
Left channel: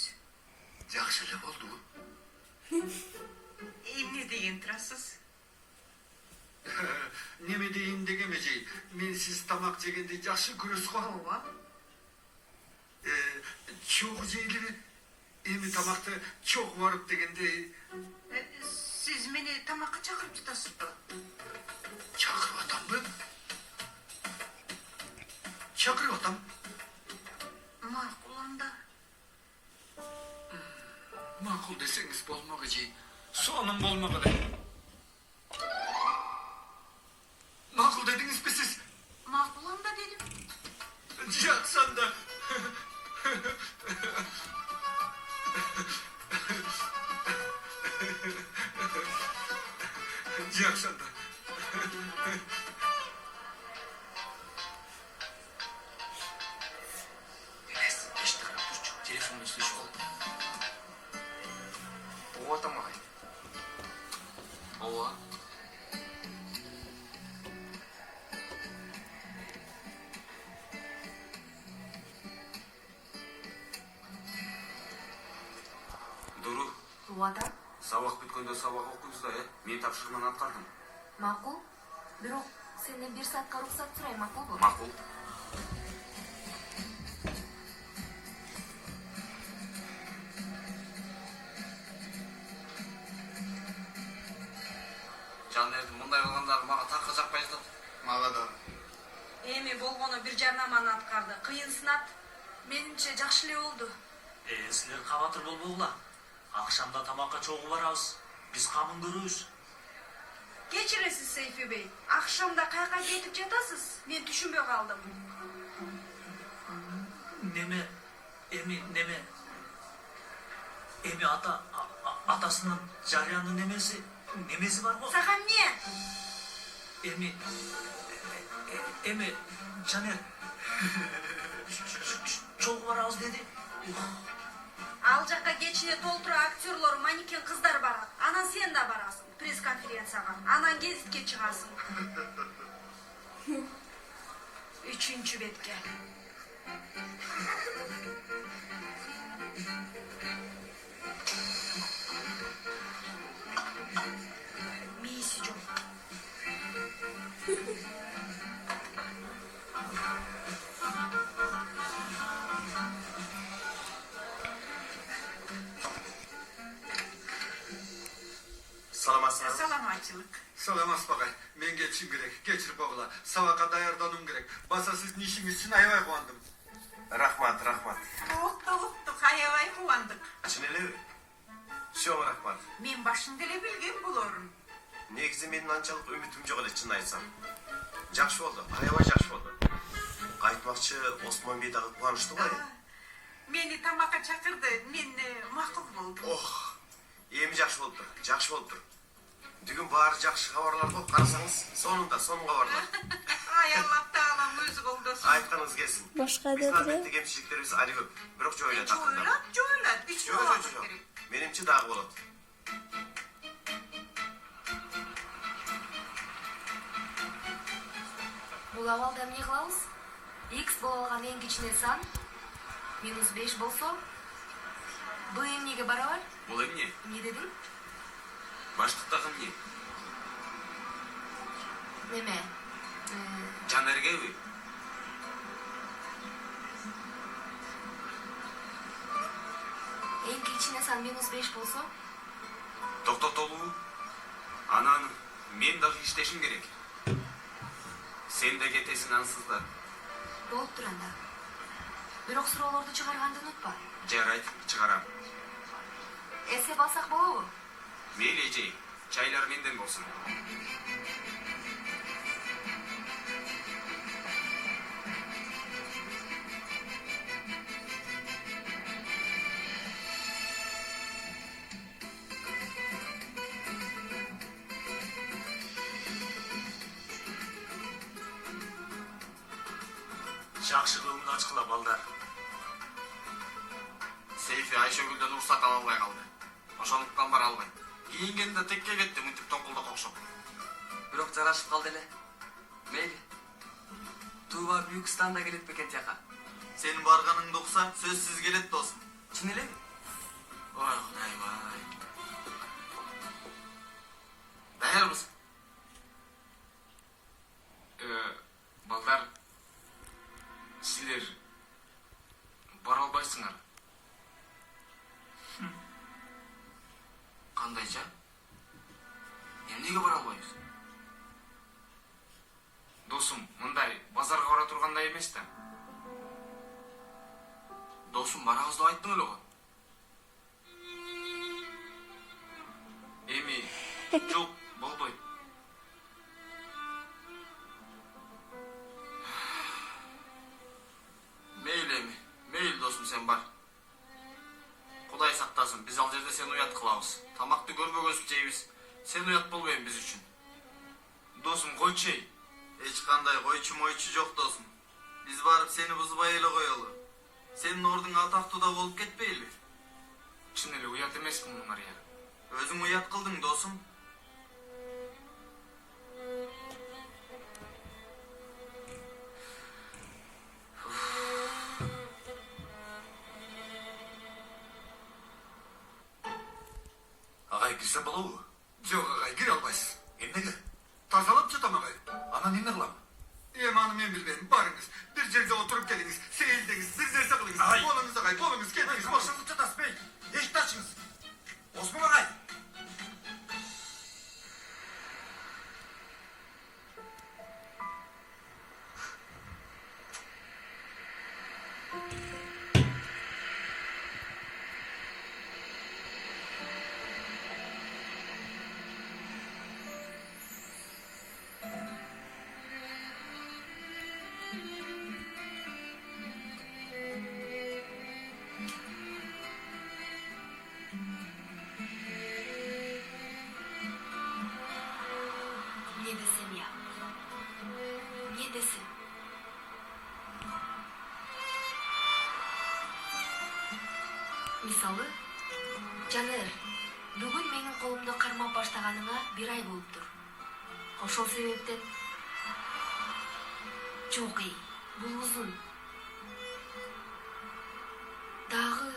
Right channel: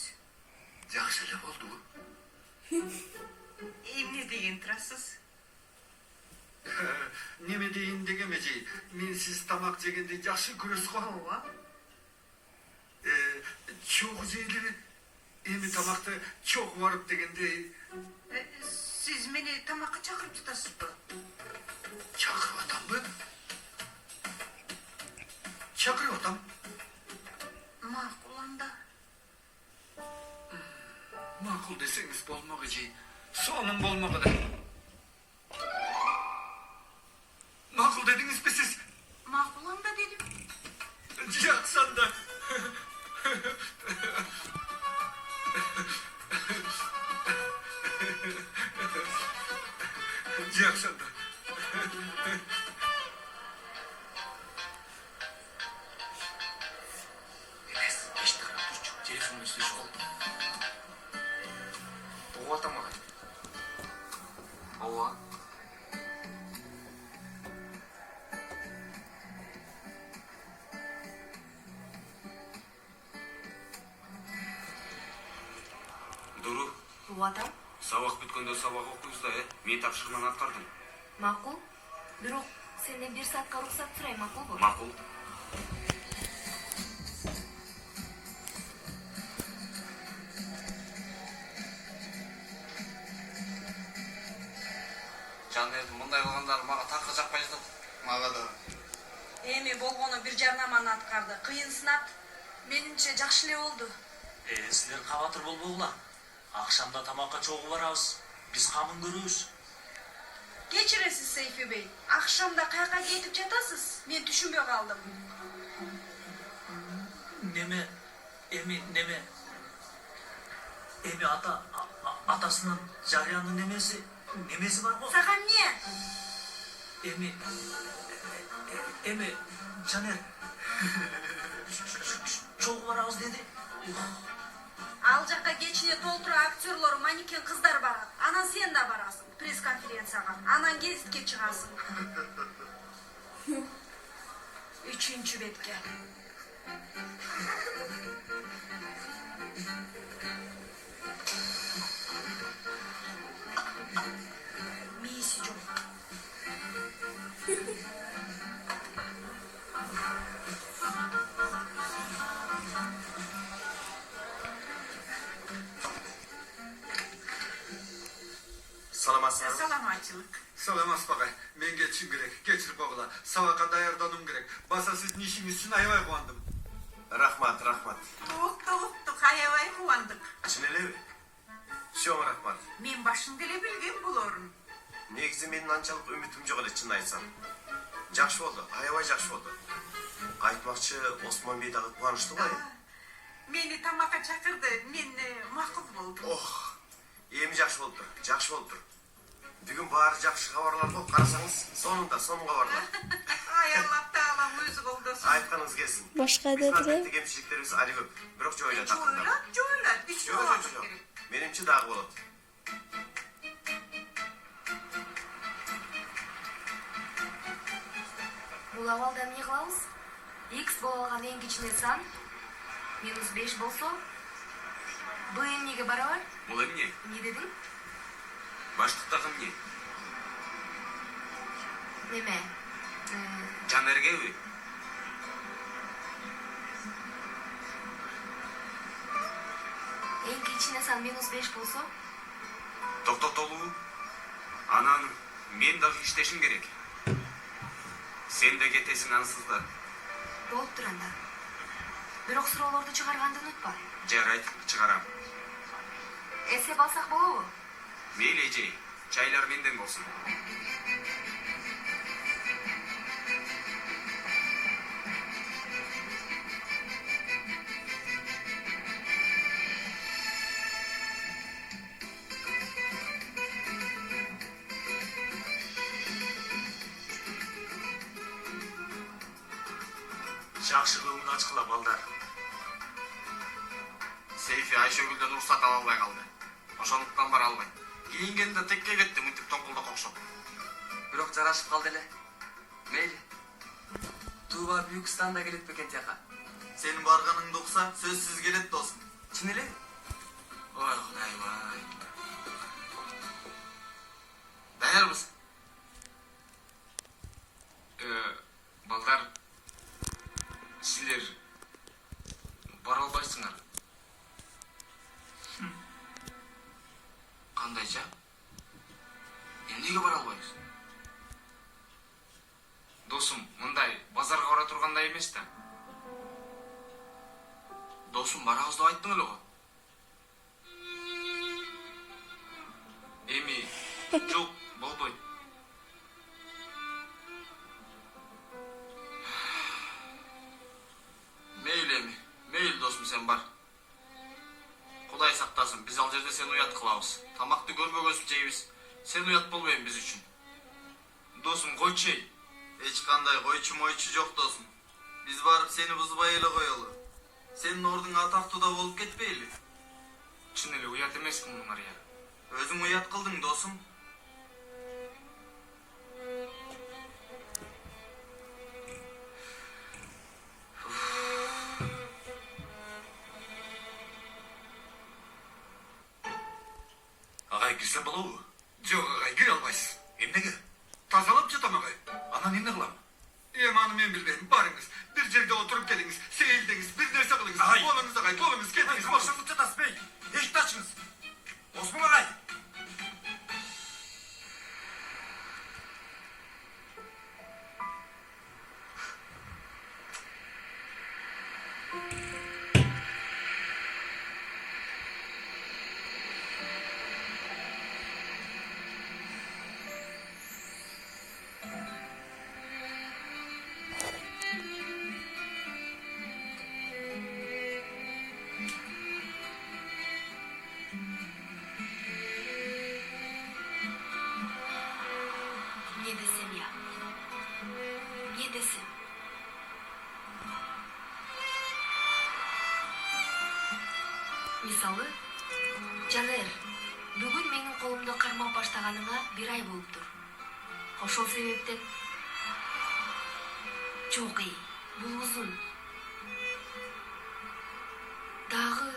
Жакшы эле болду. Эмне деген турасыз? тамак жегенде жакшы көрөсүз го а? Чогуу жейли эми тамакты чогуу барып дегенде Siz meni tamakka çakırıp tutasızbı. чакырып атамбы? Чакырып атам. Makul anda. Макул десеңиз болмок эже. Сонун болмок эле. Макул дедиңизби сиз? Makul anda dedim. Жакшы анда. Жакшы анда. Эмес, эшти карап турчу. Телефонун үстүнө чогулду. Угуп атам агай. ооба Дуру, Угатам. сабак бүткөндө сабак окуйбуз да, Мен тапшырманы аткардым. Макул. Бирок сенден 1 саатка уруксат сурайм, макулбу? Макул. Жанердин мындай кылгандары мага такыр жакпай жатат. Мага да. Эми болгону бир жарнаманы аткарды. Кыйын сынат. Менимче жакшы эле болду. Силер кабатыр болбогула. Акшамда тамакка чогуу барабыз. Биз камын көрөбүз. Кечиресиз Сейфи бей. Акшамда каяка кетип жатасыз? Мен түшүнбөй калдым. Неме? Эми атасынын жарыянын немеси бар го? Сага эмне? Эми Жанер чогуу барабыз деди. Ал жакка кечине толтура актерлор, манекен кыздар барат. Анан сен да барасың пресс-конференцияга. Анан гезитке чыгасың. 3 бетке. Мейси жок. Саламатсызбы? Саламатчылык. Саламатсыз багай. Мен кетишим керек. Кечирип койгула. Сабакка даярдануум керек. Баса сиздин ишиңиз үчүн аябай кубандым. Рахмат, рахмат. Уктук, аябай кубандык. Чын элеби? Чоң рахмат. Мен башында эле билген болорун. Негизи менин анчалык үмүтүм жок эле, чын айтсам. Жакшы болду, аябай жакшы болду. Айтмакчы, Осмон бей дагы кубанычтуу го. Мени тамакка чакырды. Мен макул болдум. Ох, эми жакшы болуптур, жакшы болуптур. Бүгүн баары жакшы кабарлар го, карасаңыз, сонун кабарлар. Ай Аллах таалам өзү колдосун. Айтканыңыз келсин. Башка Биздин дедире. адеттеги кемчиликтерибиз али көп, бирок жоюлат акырында. Жоюлат. Жок. Менимче дагы болот. Бул абалда эмне кылабыз? X боло алган эң кичине сан -5 болсо, б эмнеге барабар? Бул эмне? Эмне дедиң? Баштыктагы эмне? Неме? Жанергеби? Эң кичине сан -5 болсо, Токтотолуу. Анан мен дагы иштешим керек. Сен де кетесиң ансыз да. болуптур анда. Бирок суроолорду чыгарганды унутпа. Жарайт, чыгарам. Эсеп алсак болобу? Мейли эжей, чайлар менден болсун. Жакшылыгын ачкыла балдар. Сейфи Айшөгүлдөн уруксат ала албай калды. Ошондуктан бара албайт. Кийингенде текке кетти, мынтип тоңкулдак окшоп. Бирок жарашып калды эле. Мейли. Туба Büyük Standa келет бекен тияка. Сенин барганыңды укса, сөзсүз келет досум. Чын эле? Ой, Кудайбай. Даярбыз. балдар Силер бара албайсыңар. Кандайча? Эмнеге бара албайбыз? Досум, мындай базарга бара тургандай эмес да. Досум, барабыз деп айттың эле го. Эми жок болбойт. Мейли досум, сен бар. Кудай сактасын, биз ал жерде сени уят кылабыз. Тамакты көрбөгөзүп жейбиз. Сен уят болбойм биз үчүн. Досум, койчу эй. Эч кандай койчу-мойчу жок досум. Биз барып сени бузбай эле коелу. Сенин ордуң атактуу да болуп кетпейли. Чын эле уят эмеспин, Мария. Өзүң уят кылдың досум. Агай, кирсем болобу? Жок агай, кире албайсыз. Эмнеге? Тазалап жатам агай. Анан эмне кылам? Аны мен билбейм. Барыңыз. Бир жерде отуруп келиңиз. Сейилдеңиз. Бир нерсе кылыңыз. Агай. Болуңуз агай, болуңуз. Кетиңиз. Ошондо жатасыз бей. Эшикти ачыңыз. Осмон агай. Не десем я? Не десем? Мисалы, Жанер, бүгүн менин колумду кармап баштаганыңа 1 ай болуптур. Ошол себептен жок эй, бул узун. Дагы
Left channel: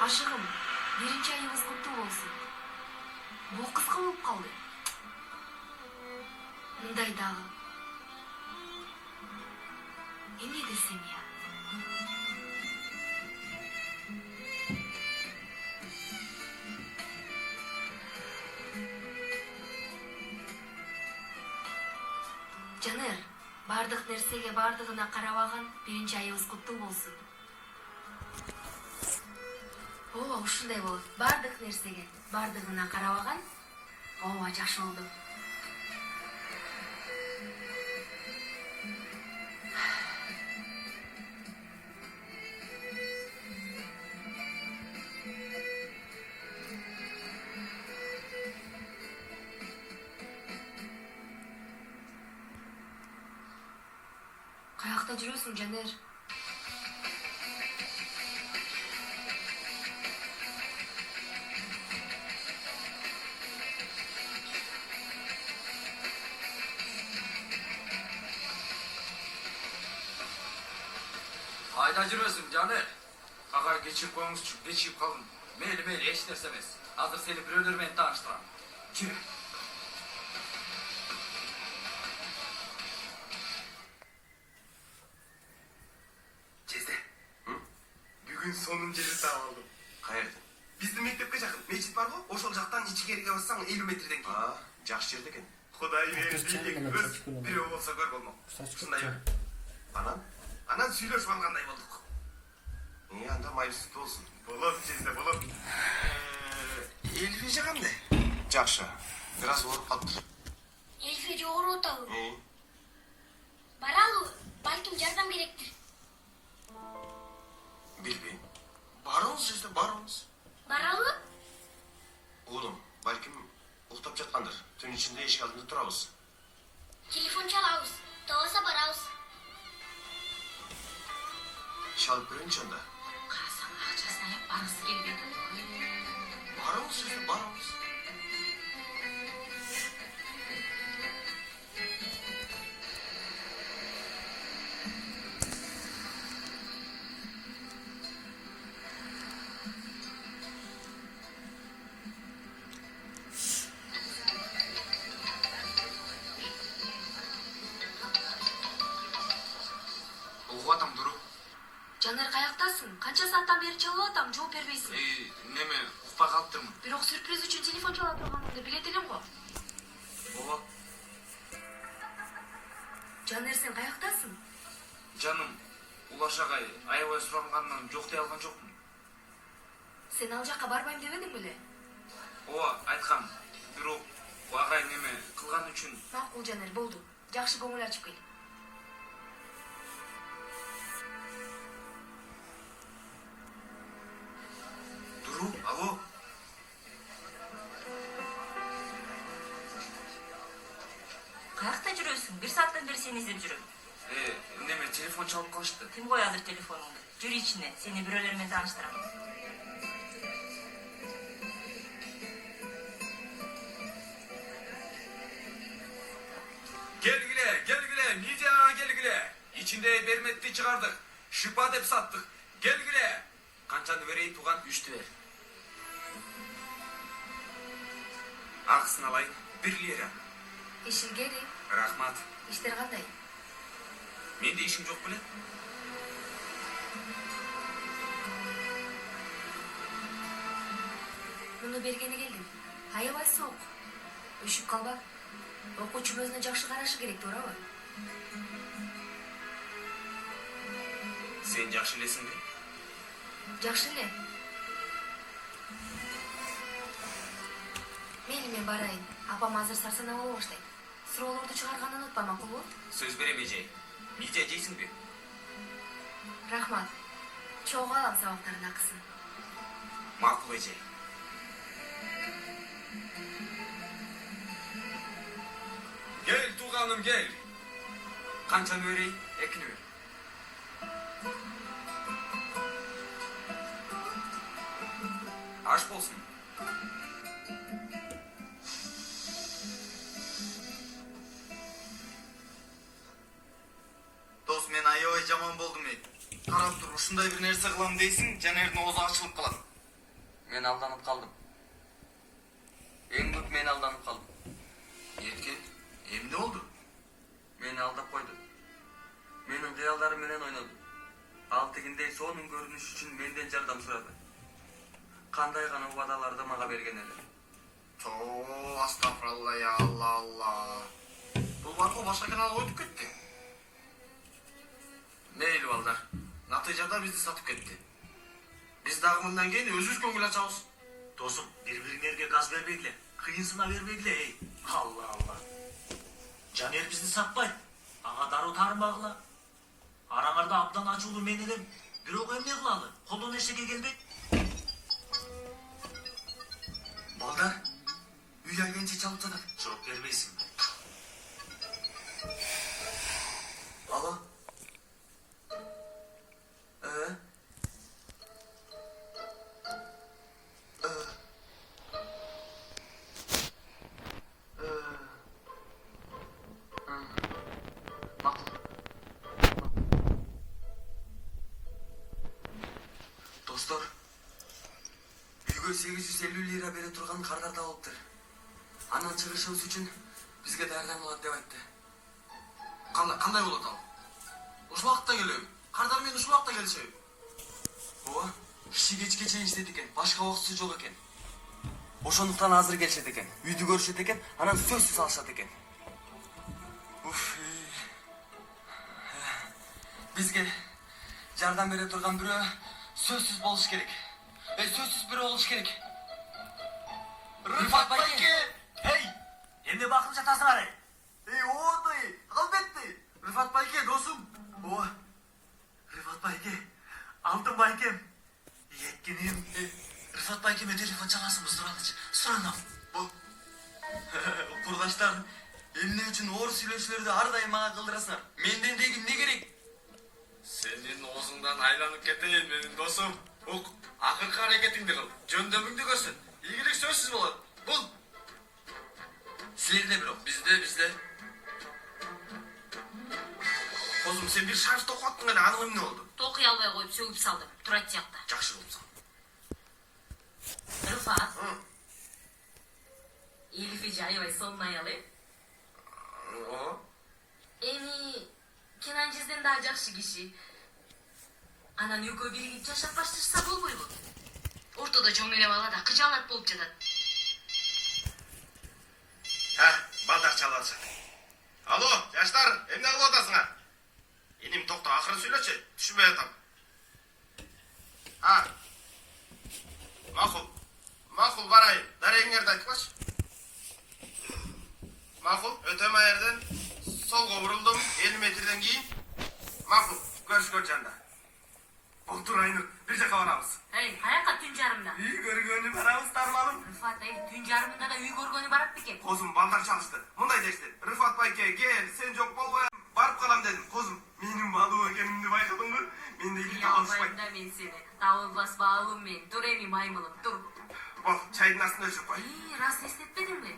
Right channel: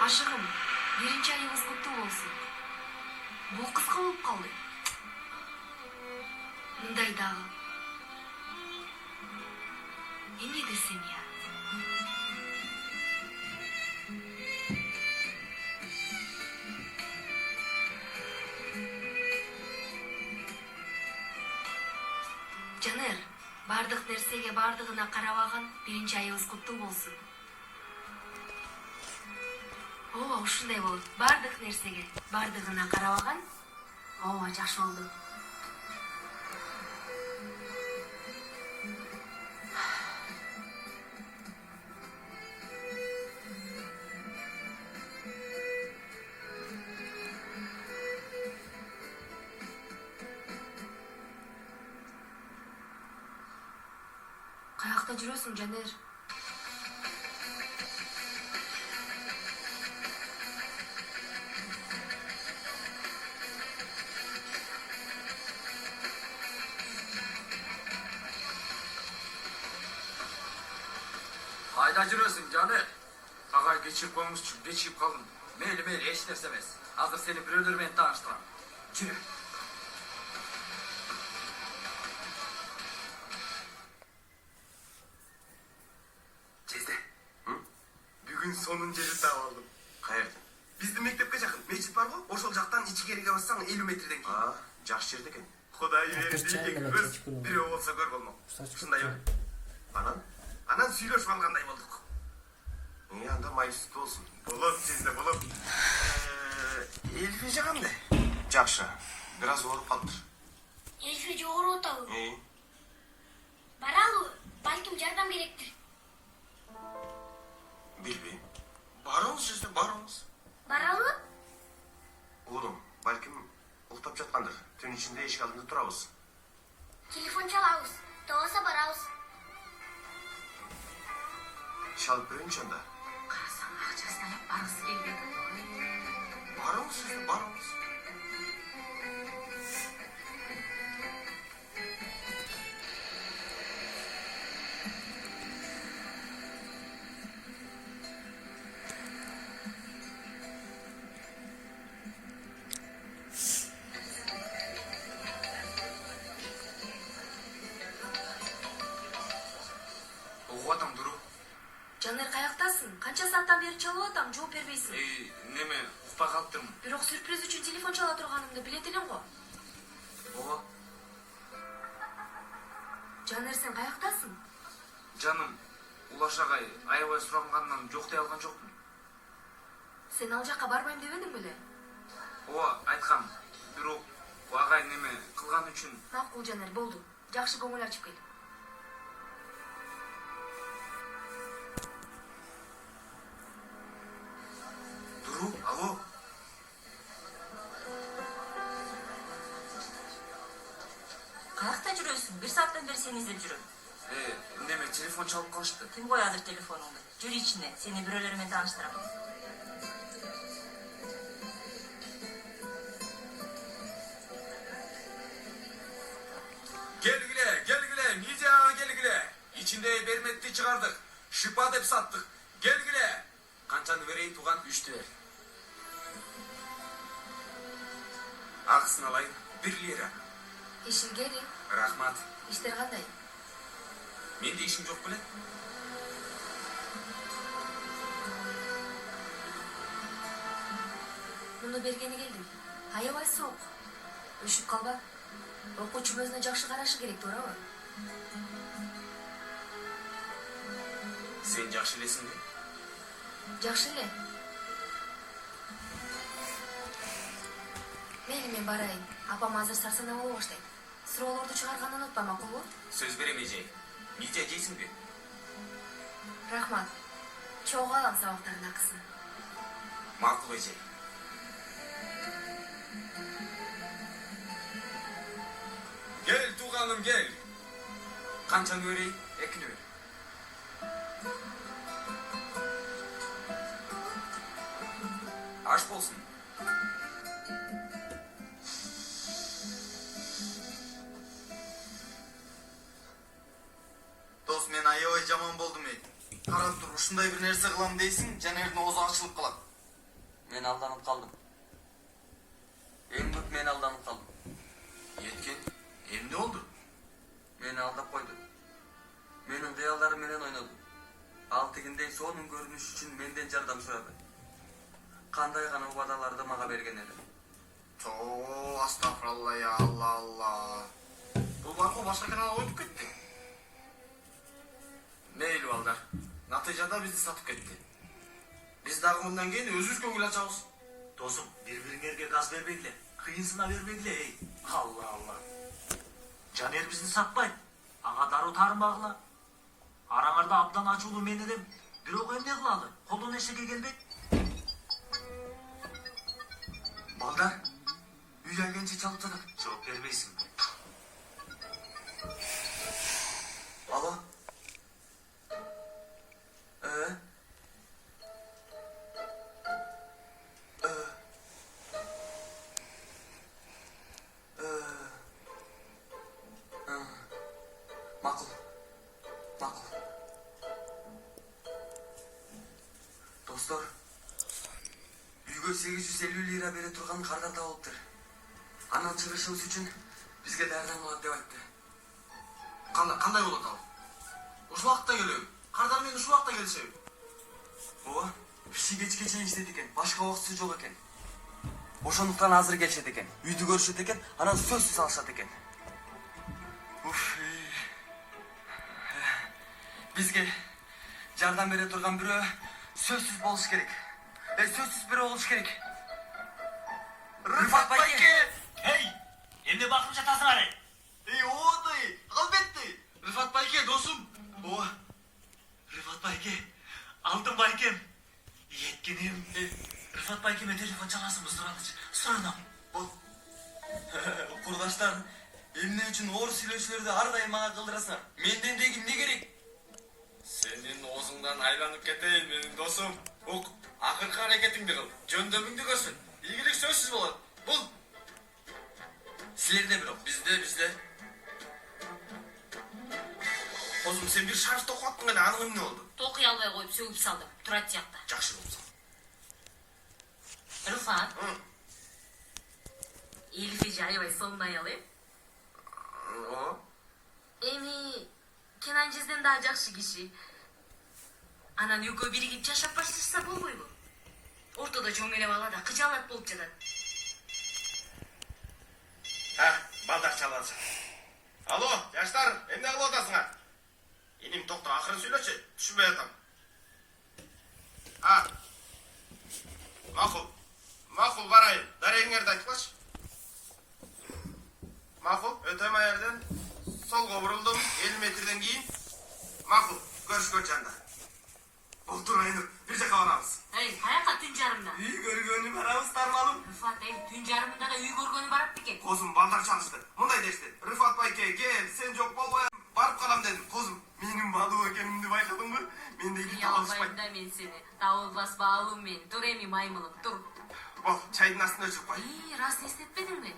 ашыгым, 1 айыбыз куттуу болсун. Бул кыска болуп калды. Мындай дагы. Эмне десем я? Жанер, бардык нерсеге бардыгына карабаган 1 айыбыз куттуу болсун. Ооба, ушундай болот. Бардык нерсеге бардыгына карабаган. Ооба, жакшы болду. Каякта жүрөсүң, Жанер? Кайда жүрөсүң, Жанер? Агай, кечирип коюңузчу, кечирип калдым. Мейли, эч нерсе эмес. Азыр сени бирөөлөр менен тааныштырам. Жүрө. Жезде. Бүгүн сонун жерди таап алдым. Каерден? Биздин мектепке жакын мечит бар го, ошол жактан ичкериге барсаң 50 метрден кийин. Жакшы жерде экен. Кудай берди, көз бирөө болсо көр болмок. Ушундайбы? Анан сүйлөшүп алгандай болдук. Анда майысты болсун. Болот, Жезде, болот. Эльфи жагамды? Жакшы. Бир аз ооруп калыптыр. Эльфи жогоруп атабы? Баралы, балким жардам керектир. Билбейм. Барыңыз, Жезде, барыңыз. Баралы? Уулум, балким уктап жаткандыр. Түн ичинде эшик алдында турабыз. Телефон чалабыз. Тоосо барабыз. Чалып көрөйүнчү анда. Карасаң, акчасын аяп баргысы келбейт. Барыңыз, Жезде, барыңыз. Жанер каяктасың? Канча сааттан бери чалып атам, жооп бербейсиң. Неме, укпай калыптырмын. Бирок сюрприз үчүн телефон чала турганыңды билет элем го. Ооба. Жанер, сен каяктасың? Жаным, Улаш агай аябай сурангандан жок дей алган жокмун. Сен ал жакка барбайм дебедиң беле? Ооба, айткам. Бирок агай неме кылган үчүн. Макул, Жанер, болду. Жакшы көңүл ачып кел. Дуру, алло. Каякта жүрөсүң? 1 сааттан бери сени издеп жүрөм. Неме телефон чалып калышты. Ким кой азыр телефонуңду? Жүр ичине, сени бирөөлөр менен тааныштырам. Gelgile, Nizya gelgile. İçinde bermetli çıkardık. Şıpa dep sattık. Gelgile. Kançanı vereyim tuğan? 3'tü ver. Akısını alayım. 1 lira. İşin geri. Rahmat. İşler kандай? Mende işim yok bile. Муну бергени келдим. Аябай суук. Өшүп калба. Окуучу өзүнө жакшы карашы керек, туурабы? Sen жақсы елесің бе? Жакшы эле. Мейли, мен барайын. Апам азыр сарсана боло баштайт. Суроолорду чыгарганды унутпа, макулбу? Söz берем эже. Нидя жейсиң бе? Рахмат. Чогуу алам сабактардын акысын. Макул эже. Gel tuğanım gel. Kançanı vereyim, ekini ver. Aş bolsun. Дос, мен аябай жаман болдум ей. Карап тур, ушундай бир нерсе кылам дейсиң, Жанердин оозу ачылып калат. Мен алданып калдым. Эң көп мен алданып калдым. Еткен, эмне oldu? Мени алдап койду. Менин кыялдарым менен ойноду. Ал тигиндей сонун көрүнүш үчүн менден жардам сурады. Кандай гана убадаларды мага берген эле. Тоо, астагфиралла, я Алла, Алла. Бул баркы башка каналга өтүп кетти. Мейли балдар, натыйжада бизди сатып кетти. Биз дагы мындан кийин өзүбүз көңүл ачабыз. Досым, бири-бириңерге газ бербегиле, кыйынсына бербегиле, ей. Алла, Алла. Жанер бизди сатпайт. Ага дароо таарынбагыла. Араңарда абдан ачуулуу мен элем. Бирок эмне кылалы? Колдон эчеге келбейт. Балдар, үйлөнгенче чалып жатат. Жооп бербейсиң. Alo? Makul. Makul. Dostlar, үйгө 850 lira бере турган кардар табылыптыр. Анан чыгышыбыз үчүн бизге даярданылат деп айтты. Кандай болот ал? Ушул убакытта келем. Кардар менен ушул убакытта келишеби? Ооба, киши кечке чейин иштейт экен, башка убактысы жок экен. Ошондуктан азыр келишет экен, үйдү көрүшөт экен, анан сөзсүз алышат экен. Бизге жардам бере турган бирөө сөзсүз болуш керек. Сөзсүз бирөө болуш керек. Рыфат байке! Эй, эмне бакып жатасыңар? Оодай, албетте. Рыфат байке, досум. Ооба. Рыфат байке, алтын байкем. Еткеним. Рыфат байкеме телефон чаласыңбы, суранам. Курдаштар, эмне үчүн оор сүйлөшүүлөрдү ар дайым мага кылдырасыңар? Менден деги эмне керек? Сенин оозуңдан айланып кетейин, менин досум. Ук, акыркы аракетиңди кыл. Жөндөмүңдү көрсөт. Ийгилик сөзсүз болот. Бул. Силерде бирок, Bizde. Козум, сен бир шарф токуп аттың эле, анын эмне болду? Токуй албай коюп сөгүп салдым. Турат жакта. Жакшы болсо. Рыфат. Элиф эже аябай сонун аял, О? Эми Кенан Жизден да жакшы киши. Анан экөө биригип жашап башташса болбойбу? Ортодо жоң эле бала да кыжаалат болуп жатат. Балдар чалбашы. Алло, жаштар, эмне кылып атасыңар? Эним токто, акырын сүйлөчү, түшүнбөй атам. Макул барайын. Дарегиңерди айтпач. Макул, өтөм аерден солго бурулдум, 50 метрден кийин. Макул, көрүшкөн жанда. Отур Айнур, бир жака барабыз. Эй, каяка түн жарымда? Үй көргөнү барабыз, тармалым. Рыфат, түн жарымында да үй көргөнү барат экен. Козум, балдар чалышты. Мындай дешти. Рыфат байке, кел, сен жок болбой барып калам дедим. Козум, менин балуу экенимди байкадыңбы? Менде үй табылышпайт. Да мен сени. Табылбас баалуум мен. Тур эми маймылым, тур. Бол, чайдын астына өчүрүп кой. Рас эстетпедиңби?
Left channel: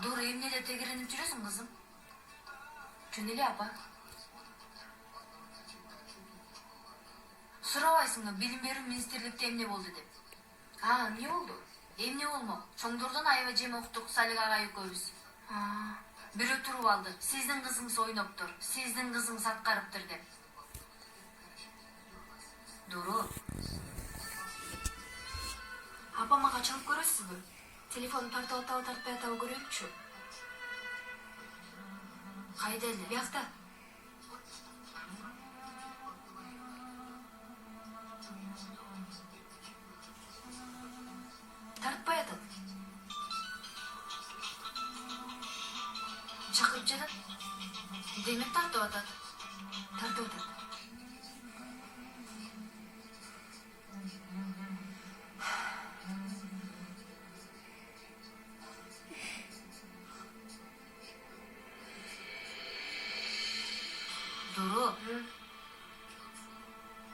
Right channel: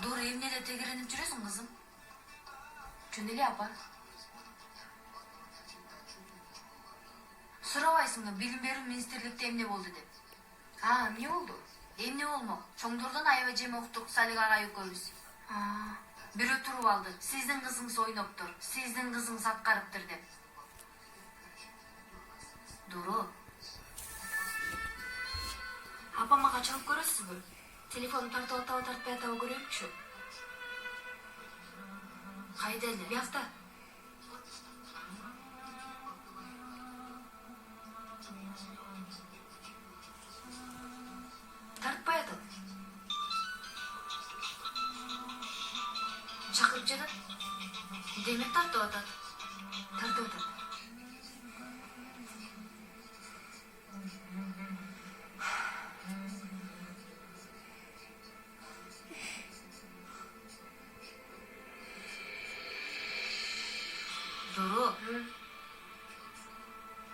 Dur, emneде тегеренип жүрөсүң, кызым? Жөн эле, апа. Сурабайсыңбы, билим берүү министрликте эмне болду деп? Эмне болду? Эмне болмок? Чоңдордон аябай жем уктук, Салик агай экөөбүз. Бирөө туруп алды. Сиздин кызыңыз ойноптур, сиздин кызыңыз аткарыптыр деп. Дуру. Апамага чалып көрөсүзбү? Телефонун тартып атабы тартпай атабы көрөйүкчү. Кайда эле? Биякта. Тартпай атат. Чакырып жатат. Демек тартып атат. Тартып атат.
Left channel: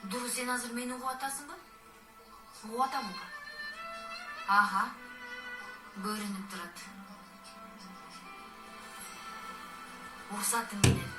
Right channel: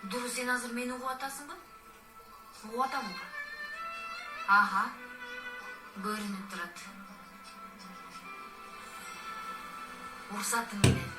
Дуру, сен азыр мени угуп атасыңбы? Угуп атамбы? Көрүнүп турат. Уруксатың менен.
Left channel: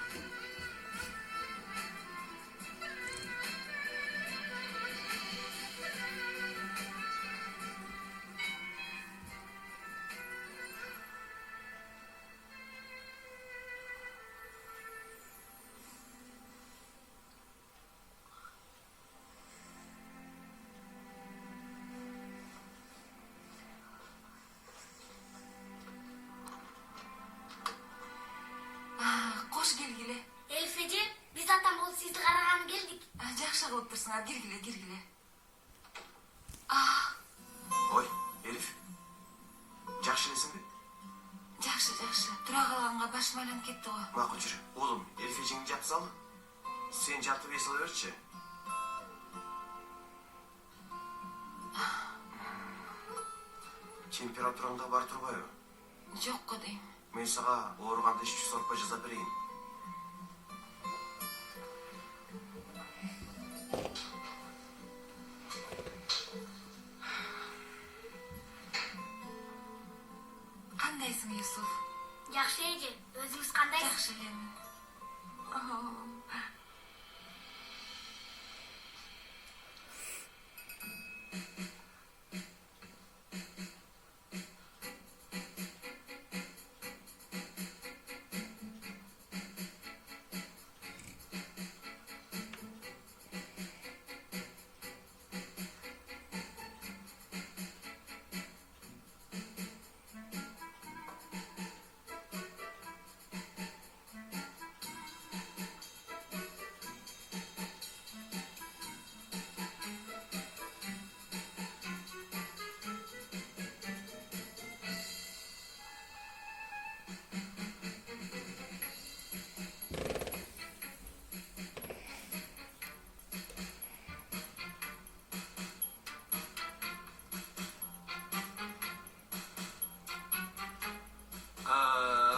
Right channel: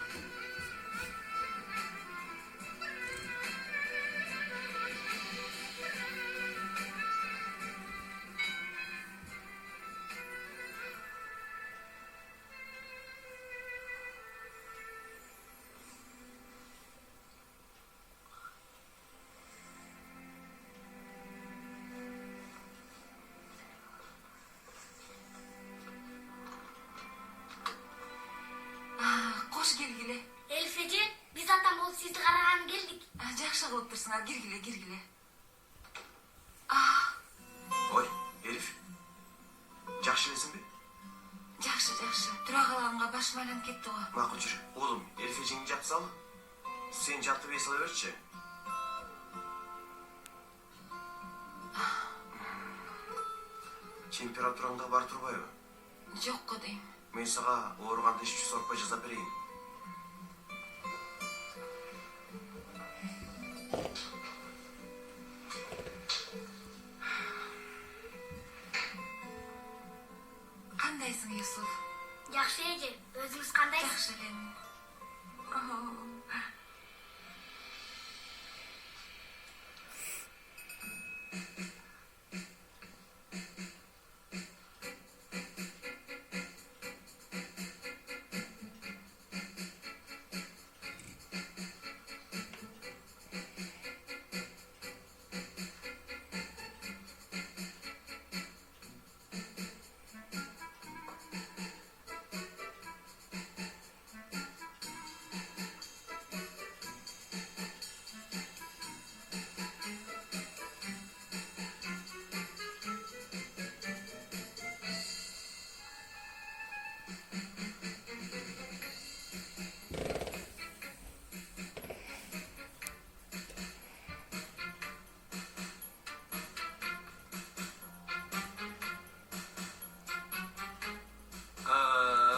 Кош келгиле. Элиф эже, биз атам болуп сизди караганы келдик. Жакшы кылыптырсыңар, киргиле. Ой, Elif. Жакшы элесиңби? Жакшы. Тура калганга башым айланып кетти го. Макул жүрү. Оğlum, Elif эжеңди жаап салы. Сен жаптып эс ала берчи. Температураңда бар турбайбы? Жок го дейм. Мен сага ооруганда иш сорпой жасап берейин. кандайсың, Юсуф? Жакшы эже, өзүңүз кандайсыз? Жакшы элем.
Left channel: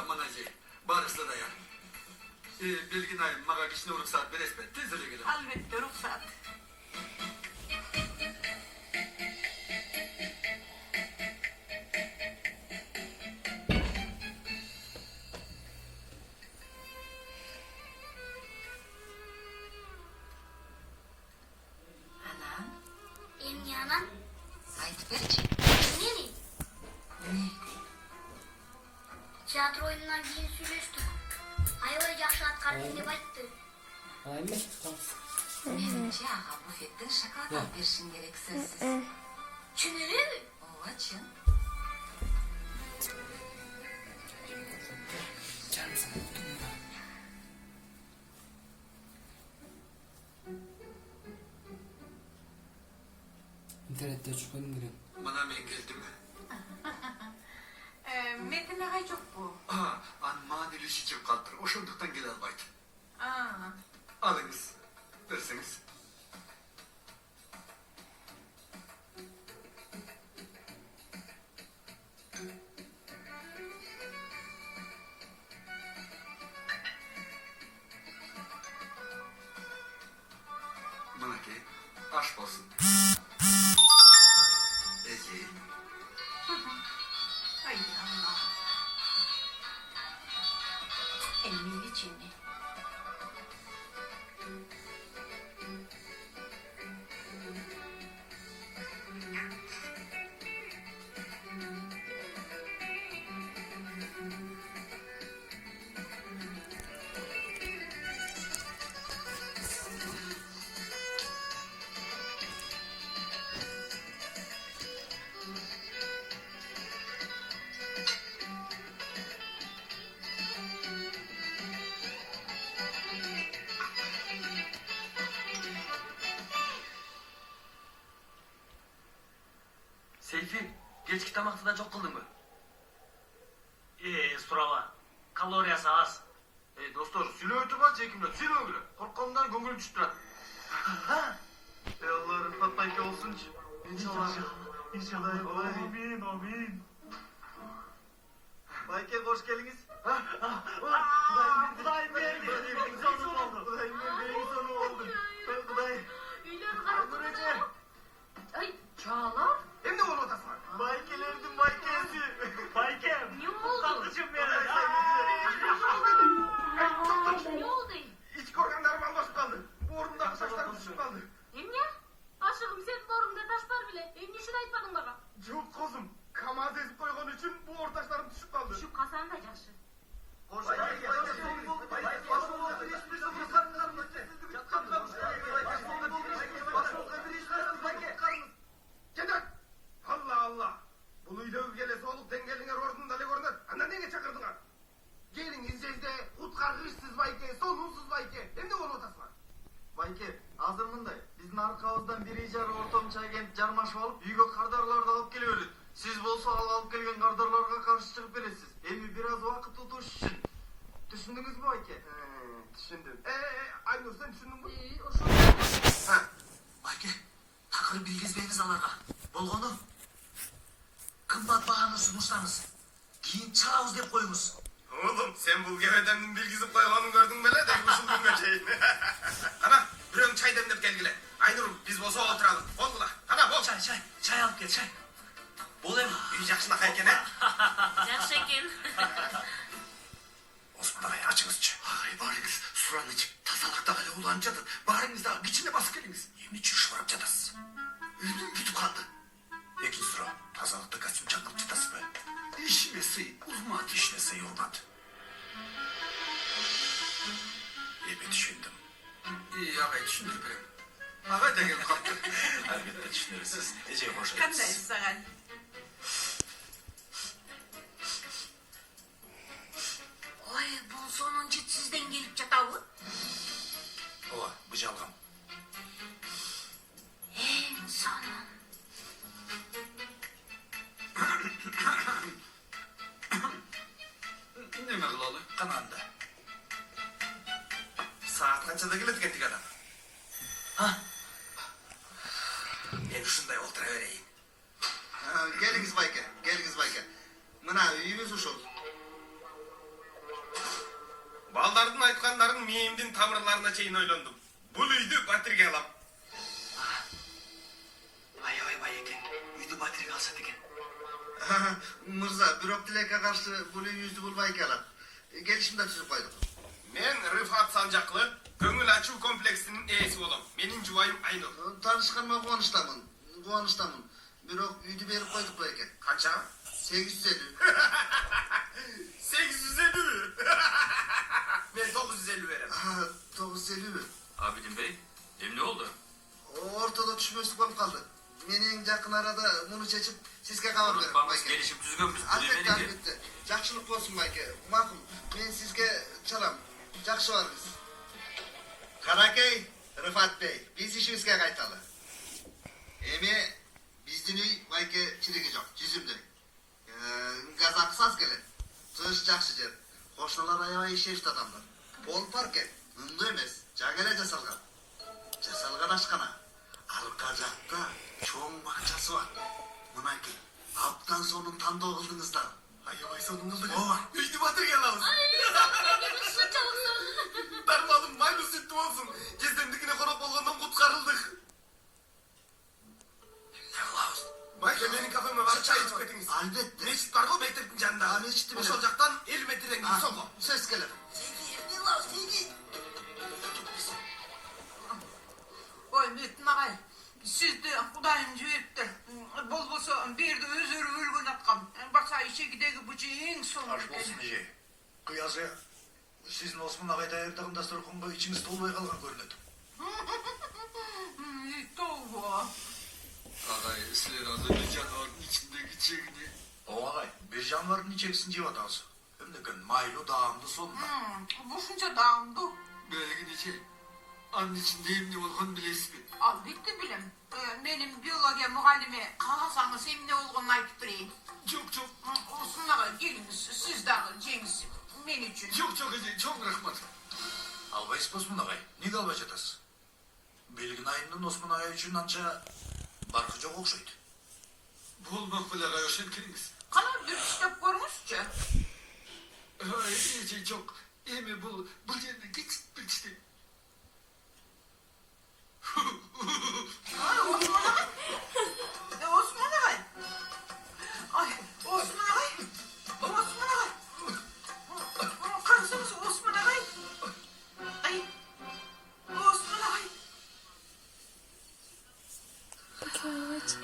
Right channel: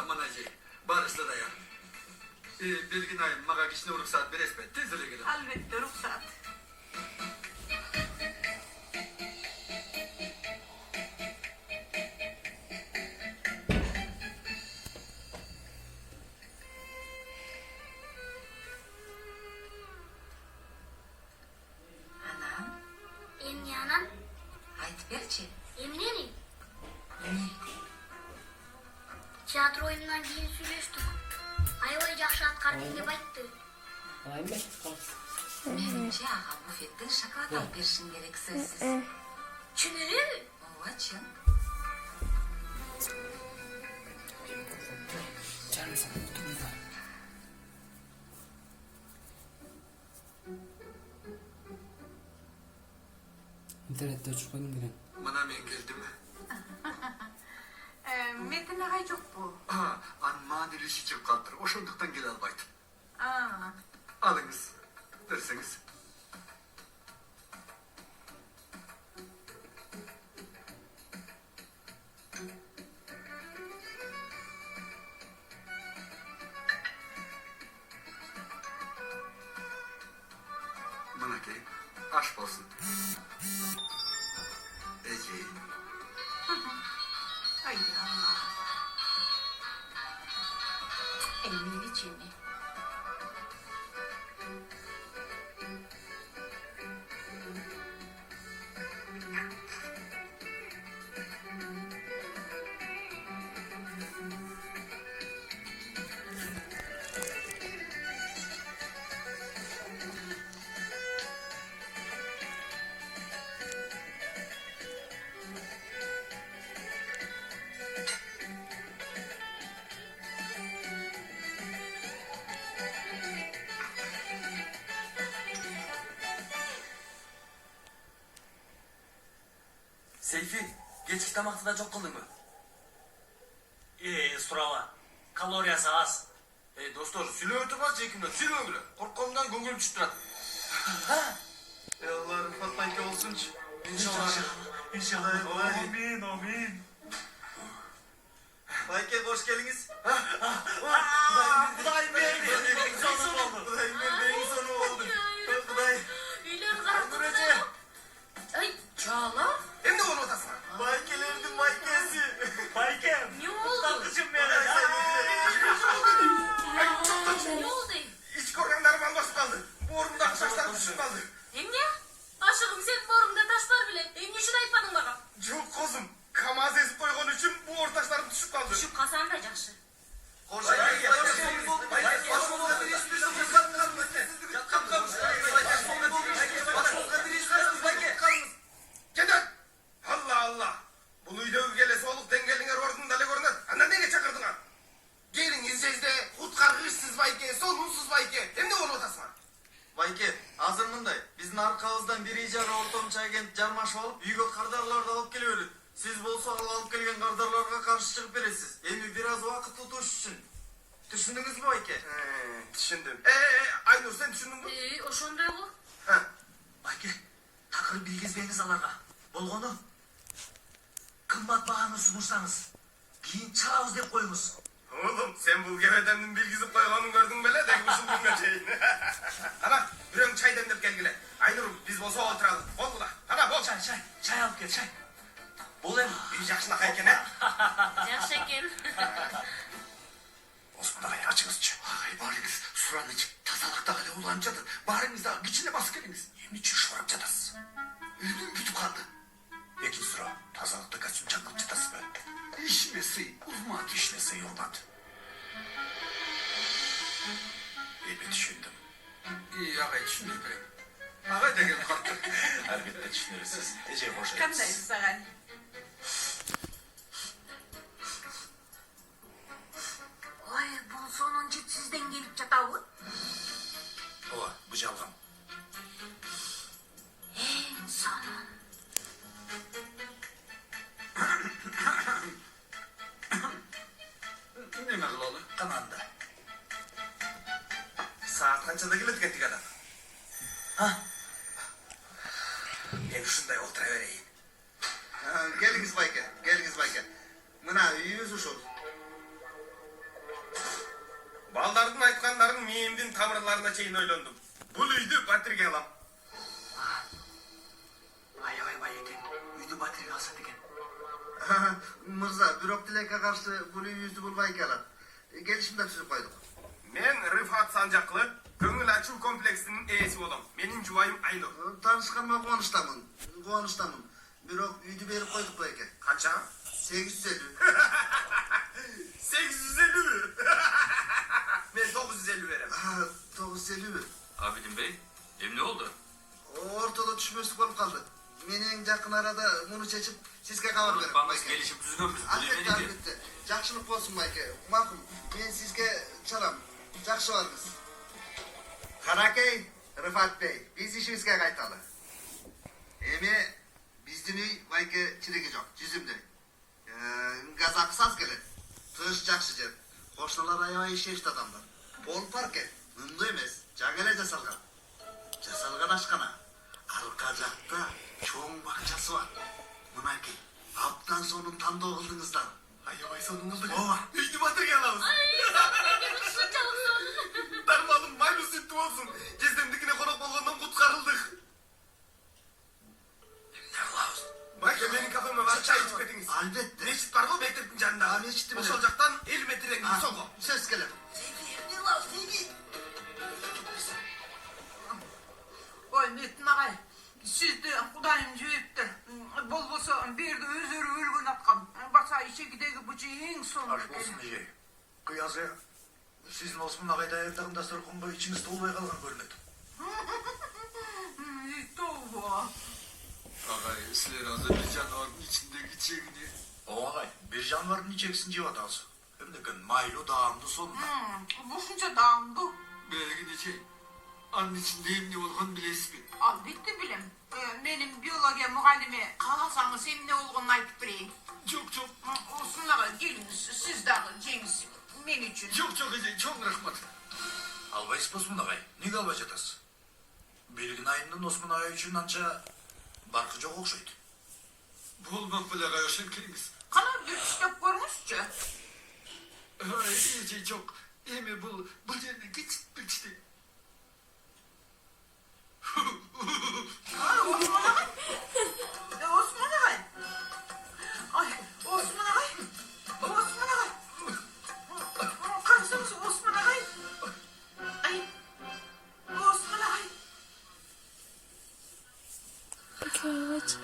Mana şey, barışla da ya. Belgin ayım, maga kişine ruhsat beres be, tez öyle gidelim. Albatta, ruhsat. Anam, Эмне анан? айтып берчи. Эмнени? Эмне? Театр оюнунан кийин сүйлөштүк. Аябай жакшы аткардың деп айтты. Менимче ага буфеттин шоколад алып беришин керек сөзсүз. Чын элеби? Ооба, чын. İnternette çıkanım giren. Mana men geldim mi? Metin agay жок bu. Manili işi çıkıp kaldır, oşunduktan gel albaydım. Aa, Alınız, derseniz. Manaki, aşk olsun. Ece. ay Allah. Emmi içini. Seyfi, geçki tamaktan çok kıldın mı? Suraba. Kaloriyası az. Dostlar, sülöğü tutmaz çekimler, sülöğü bile. Korkkomdan göngülüm çıtırat. Allah Rıfat Bayke olsun. İnşallah. İnşallah. Amin, amin. Bayke hoş geldiniz. Kudayım geldi. Sonum oldu. Kudayım benim sonu oldu. Kuday. Үйлөрү карап Ay, Çağlar? Hem de onu otasın. Baykelerdim baykesi. Baykem. Ne oldu? Takıcım benim. Ne oldu? İç organlarım alması kaldı. Bu orumdaki saçlarım düşüp kaldı. Emne? Aşığım senin borumda taş var bile. Emne şunu aytmadın bana. Çok kozum. Kamaz ezip koyduğun için bu ortaçlarım düşüp kaldı. Şu kazan da jakşı. Hoş geldiniz. Kedet! Allah Allah! Bu uyda gelesi olup dengelinger ordun dale görünür. Anna neye çakırdın ha? Gelin izceyizde utkargışsız bayke, sonunsuz bayke. Hem de onu otasın. Bayke, hazır mınday? Biz narkağızdan bir icara ortam çaygent jarmaşıp alıp, uyga kardarlarda alıp geliyoruz. Siz bolsa alıp gelgen kardarlarga karşı çıkıp beresiz. Endi biraz vakit tutuş için. Düşündünüz mü Bayke? Düşündüm. Aynur sen düşündün mü? Oşunda mı? Ha. Bayke, takır bilgizbeyiniz alarga. Bolgonu. Kımbat bağını sunursanız. Giyin çalavuz dep koyunuz. Oğlum sen bu gevedemnin bilgisi koyganın gördün bele de kuşundun göçeyin. Ana bir çay demlep gelgile. Aynur biz bolsa oturalım. Oldu la. Ana bol. Çay alıp gel, çay. Бул эми үй жакшынакай экен, Жакшы экен. Osman Ağay açыңызчы. Ağay barыңыз суранычы тазалыкта эле уланып жатат. Барыңыз дагы кичине басып келиңиз. Эмне үчүн шурап жатасыз? Үйдүн бүтүп калды. Экинчи суроо. Тазалыкта костюм чаңкып жатасызбы? Ишиме сый, урмат ишине сый урмат. Эми түшүндүм. Агай түшүндүрүп берем. Агай деген калды. Албетте түшүнөрсүз. Эже кош Кандайсыз агай? Ой, бул сонун жетсизден келип жатабы? Ооба, бу жалган. Эң сонун. Неме кылалы? Кананда. Саат канчада келет экен тиги адам? Мен ушундай олтура берейин. Geliniz Bayke, geliniz Bayke. Mına үйүбүз ушул. Балдардын айткандарын мээмдин тамырларына чейин ойлондум. Бул үйдү батирге алам. аябай бай экен. Үйдү батирге алса экен. Мырза, бирок тилекке каршы бул үйүбүздү бул Байке алат. Келишим да түзүп койдук. Мен Рыфат Санжаклы, көңүл ачуу комплексинин ээси болом. Менин жубайым Айнур. Танышканыма кубанычтамын. Кубанычтамын. Бирок үйдү берип койдук Байке. Канча? 850. 850. Men 950 берем. 950. Abidin Bey, emne oldu? Ортодо түшүнбөстүк болуп калды. Мен эң жакын арада муну чечип сизге кабар берем. Unutmamız gelişip düzgünbüz. Албетте, албетте. Жакшылык болсун Байке. Макул. Мен сизге чалам. Жакшы барыңыз. Каракей, Рыфат Бey, биз ишибизге кайталы. Эми биздин үй Байке чириги жок, жүзүмдөй. Газ акысы аз келет. Тыш жакшы жер. Кошуналар аябай ишештүү адамдар. Пол парке, мындай эмес, жаңы эле жасалган. Жасалган ашкана. Арка жакта чоң бакчасы бар. Мынакей, абдан сонун тандоо кылдыңыздар. Аябай сонун кылдык. Ооба, үйдү батирге алабыз. Дармалым майлуу сүттүү болсун. Кездемдикине конок болгондон куткарылдык. Эмне кылабыз? Байке, менин кафеме барып чай ичип кетиңиз. Албетте. Мечит бар го мектептин жанында. Мечитти билем. Ошол жактан 50 метрден кийин солго. Сөз келет. Ой, Metin ağay, sizdi Kudayım cüyüptür. Bolbosa bir de özürü ölgün atkan. Basa içegidegi bıcı en sonu. Аш болсун эже. Кыязы сиздин Осмон Агай даярдыгында сөркөнгө ичиңиз толбой калган көрүнөт. Толбо. Агай, силер азыр бир жаныбардын ичиндеги чегини. Ооба агай, бир жаныбардын ичегисин жеп атабыз. Эмнекен майлуу даамдуу сонун. Bu şunca dağımdı. Белгини чей. Анын ичинде эмне болгонун билесизби? Albitti bilim. Benim biyologiya muallimi kalasanız emne olgununu aytıp bireyim. Жок, жок. Olsun ağa geliniz, siz dağı Cengiz. Men için. Жок, жок эже, чоң рахмат. Албайсыз Осмон Агай, эмнеге албай жатасыз? Белгин айынан Осмон Агай үчүн анча баркы жок окшойт. Болмок беле агай, ошентип келиңиз. Kalar bir işlep görmüşçü. Ай, эже, жок. Эми бул жерде кечип билишти. Osman ağay. Osman ağay. Ay, Osman ağay. Osman ağay. Karısınız Osman ağay. Ay, Osman ağay. Evet.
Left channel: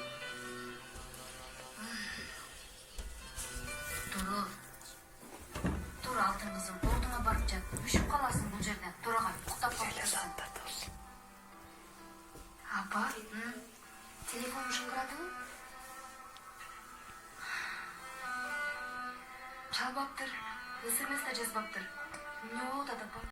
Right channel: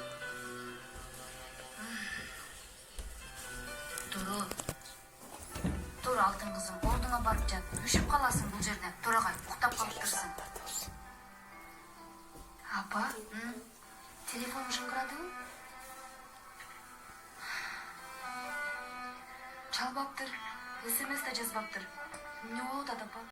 Dur алтын кызым, ордуңа барып жат. Үшүп каласың бул жерде. Тур агай, уктап калып турсун. Апа, телефон жыңгырадыңбы? Чалбаптыр, СМС да жазбаптыр. Эмне болуп атат апа?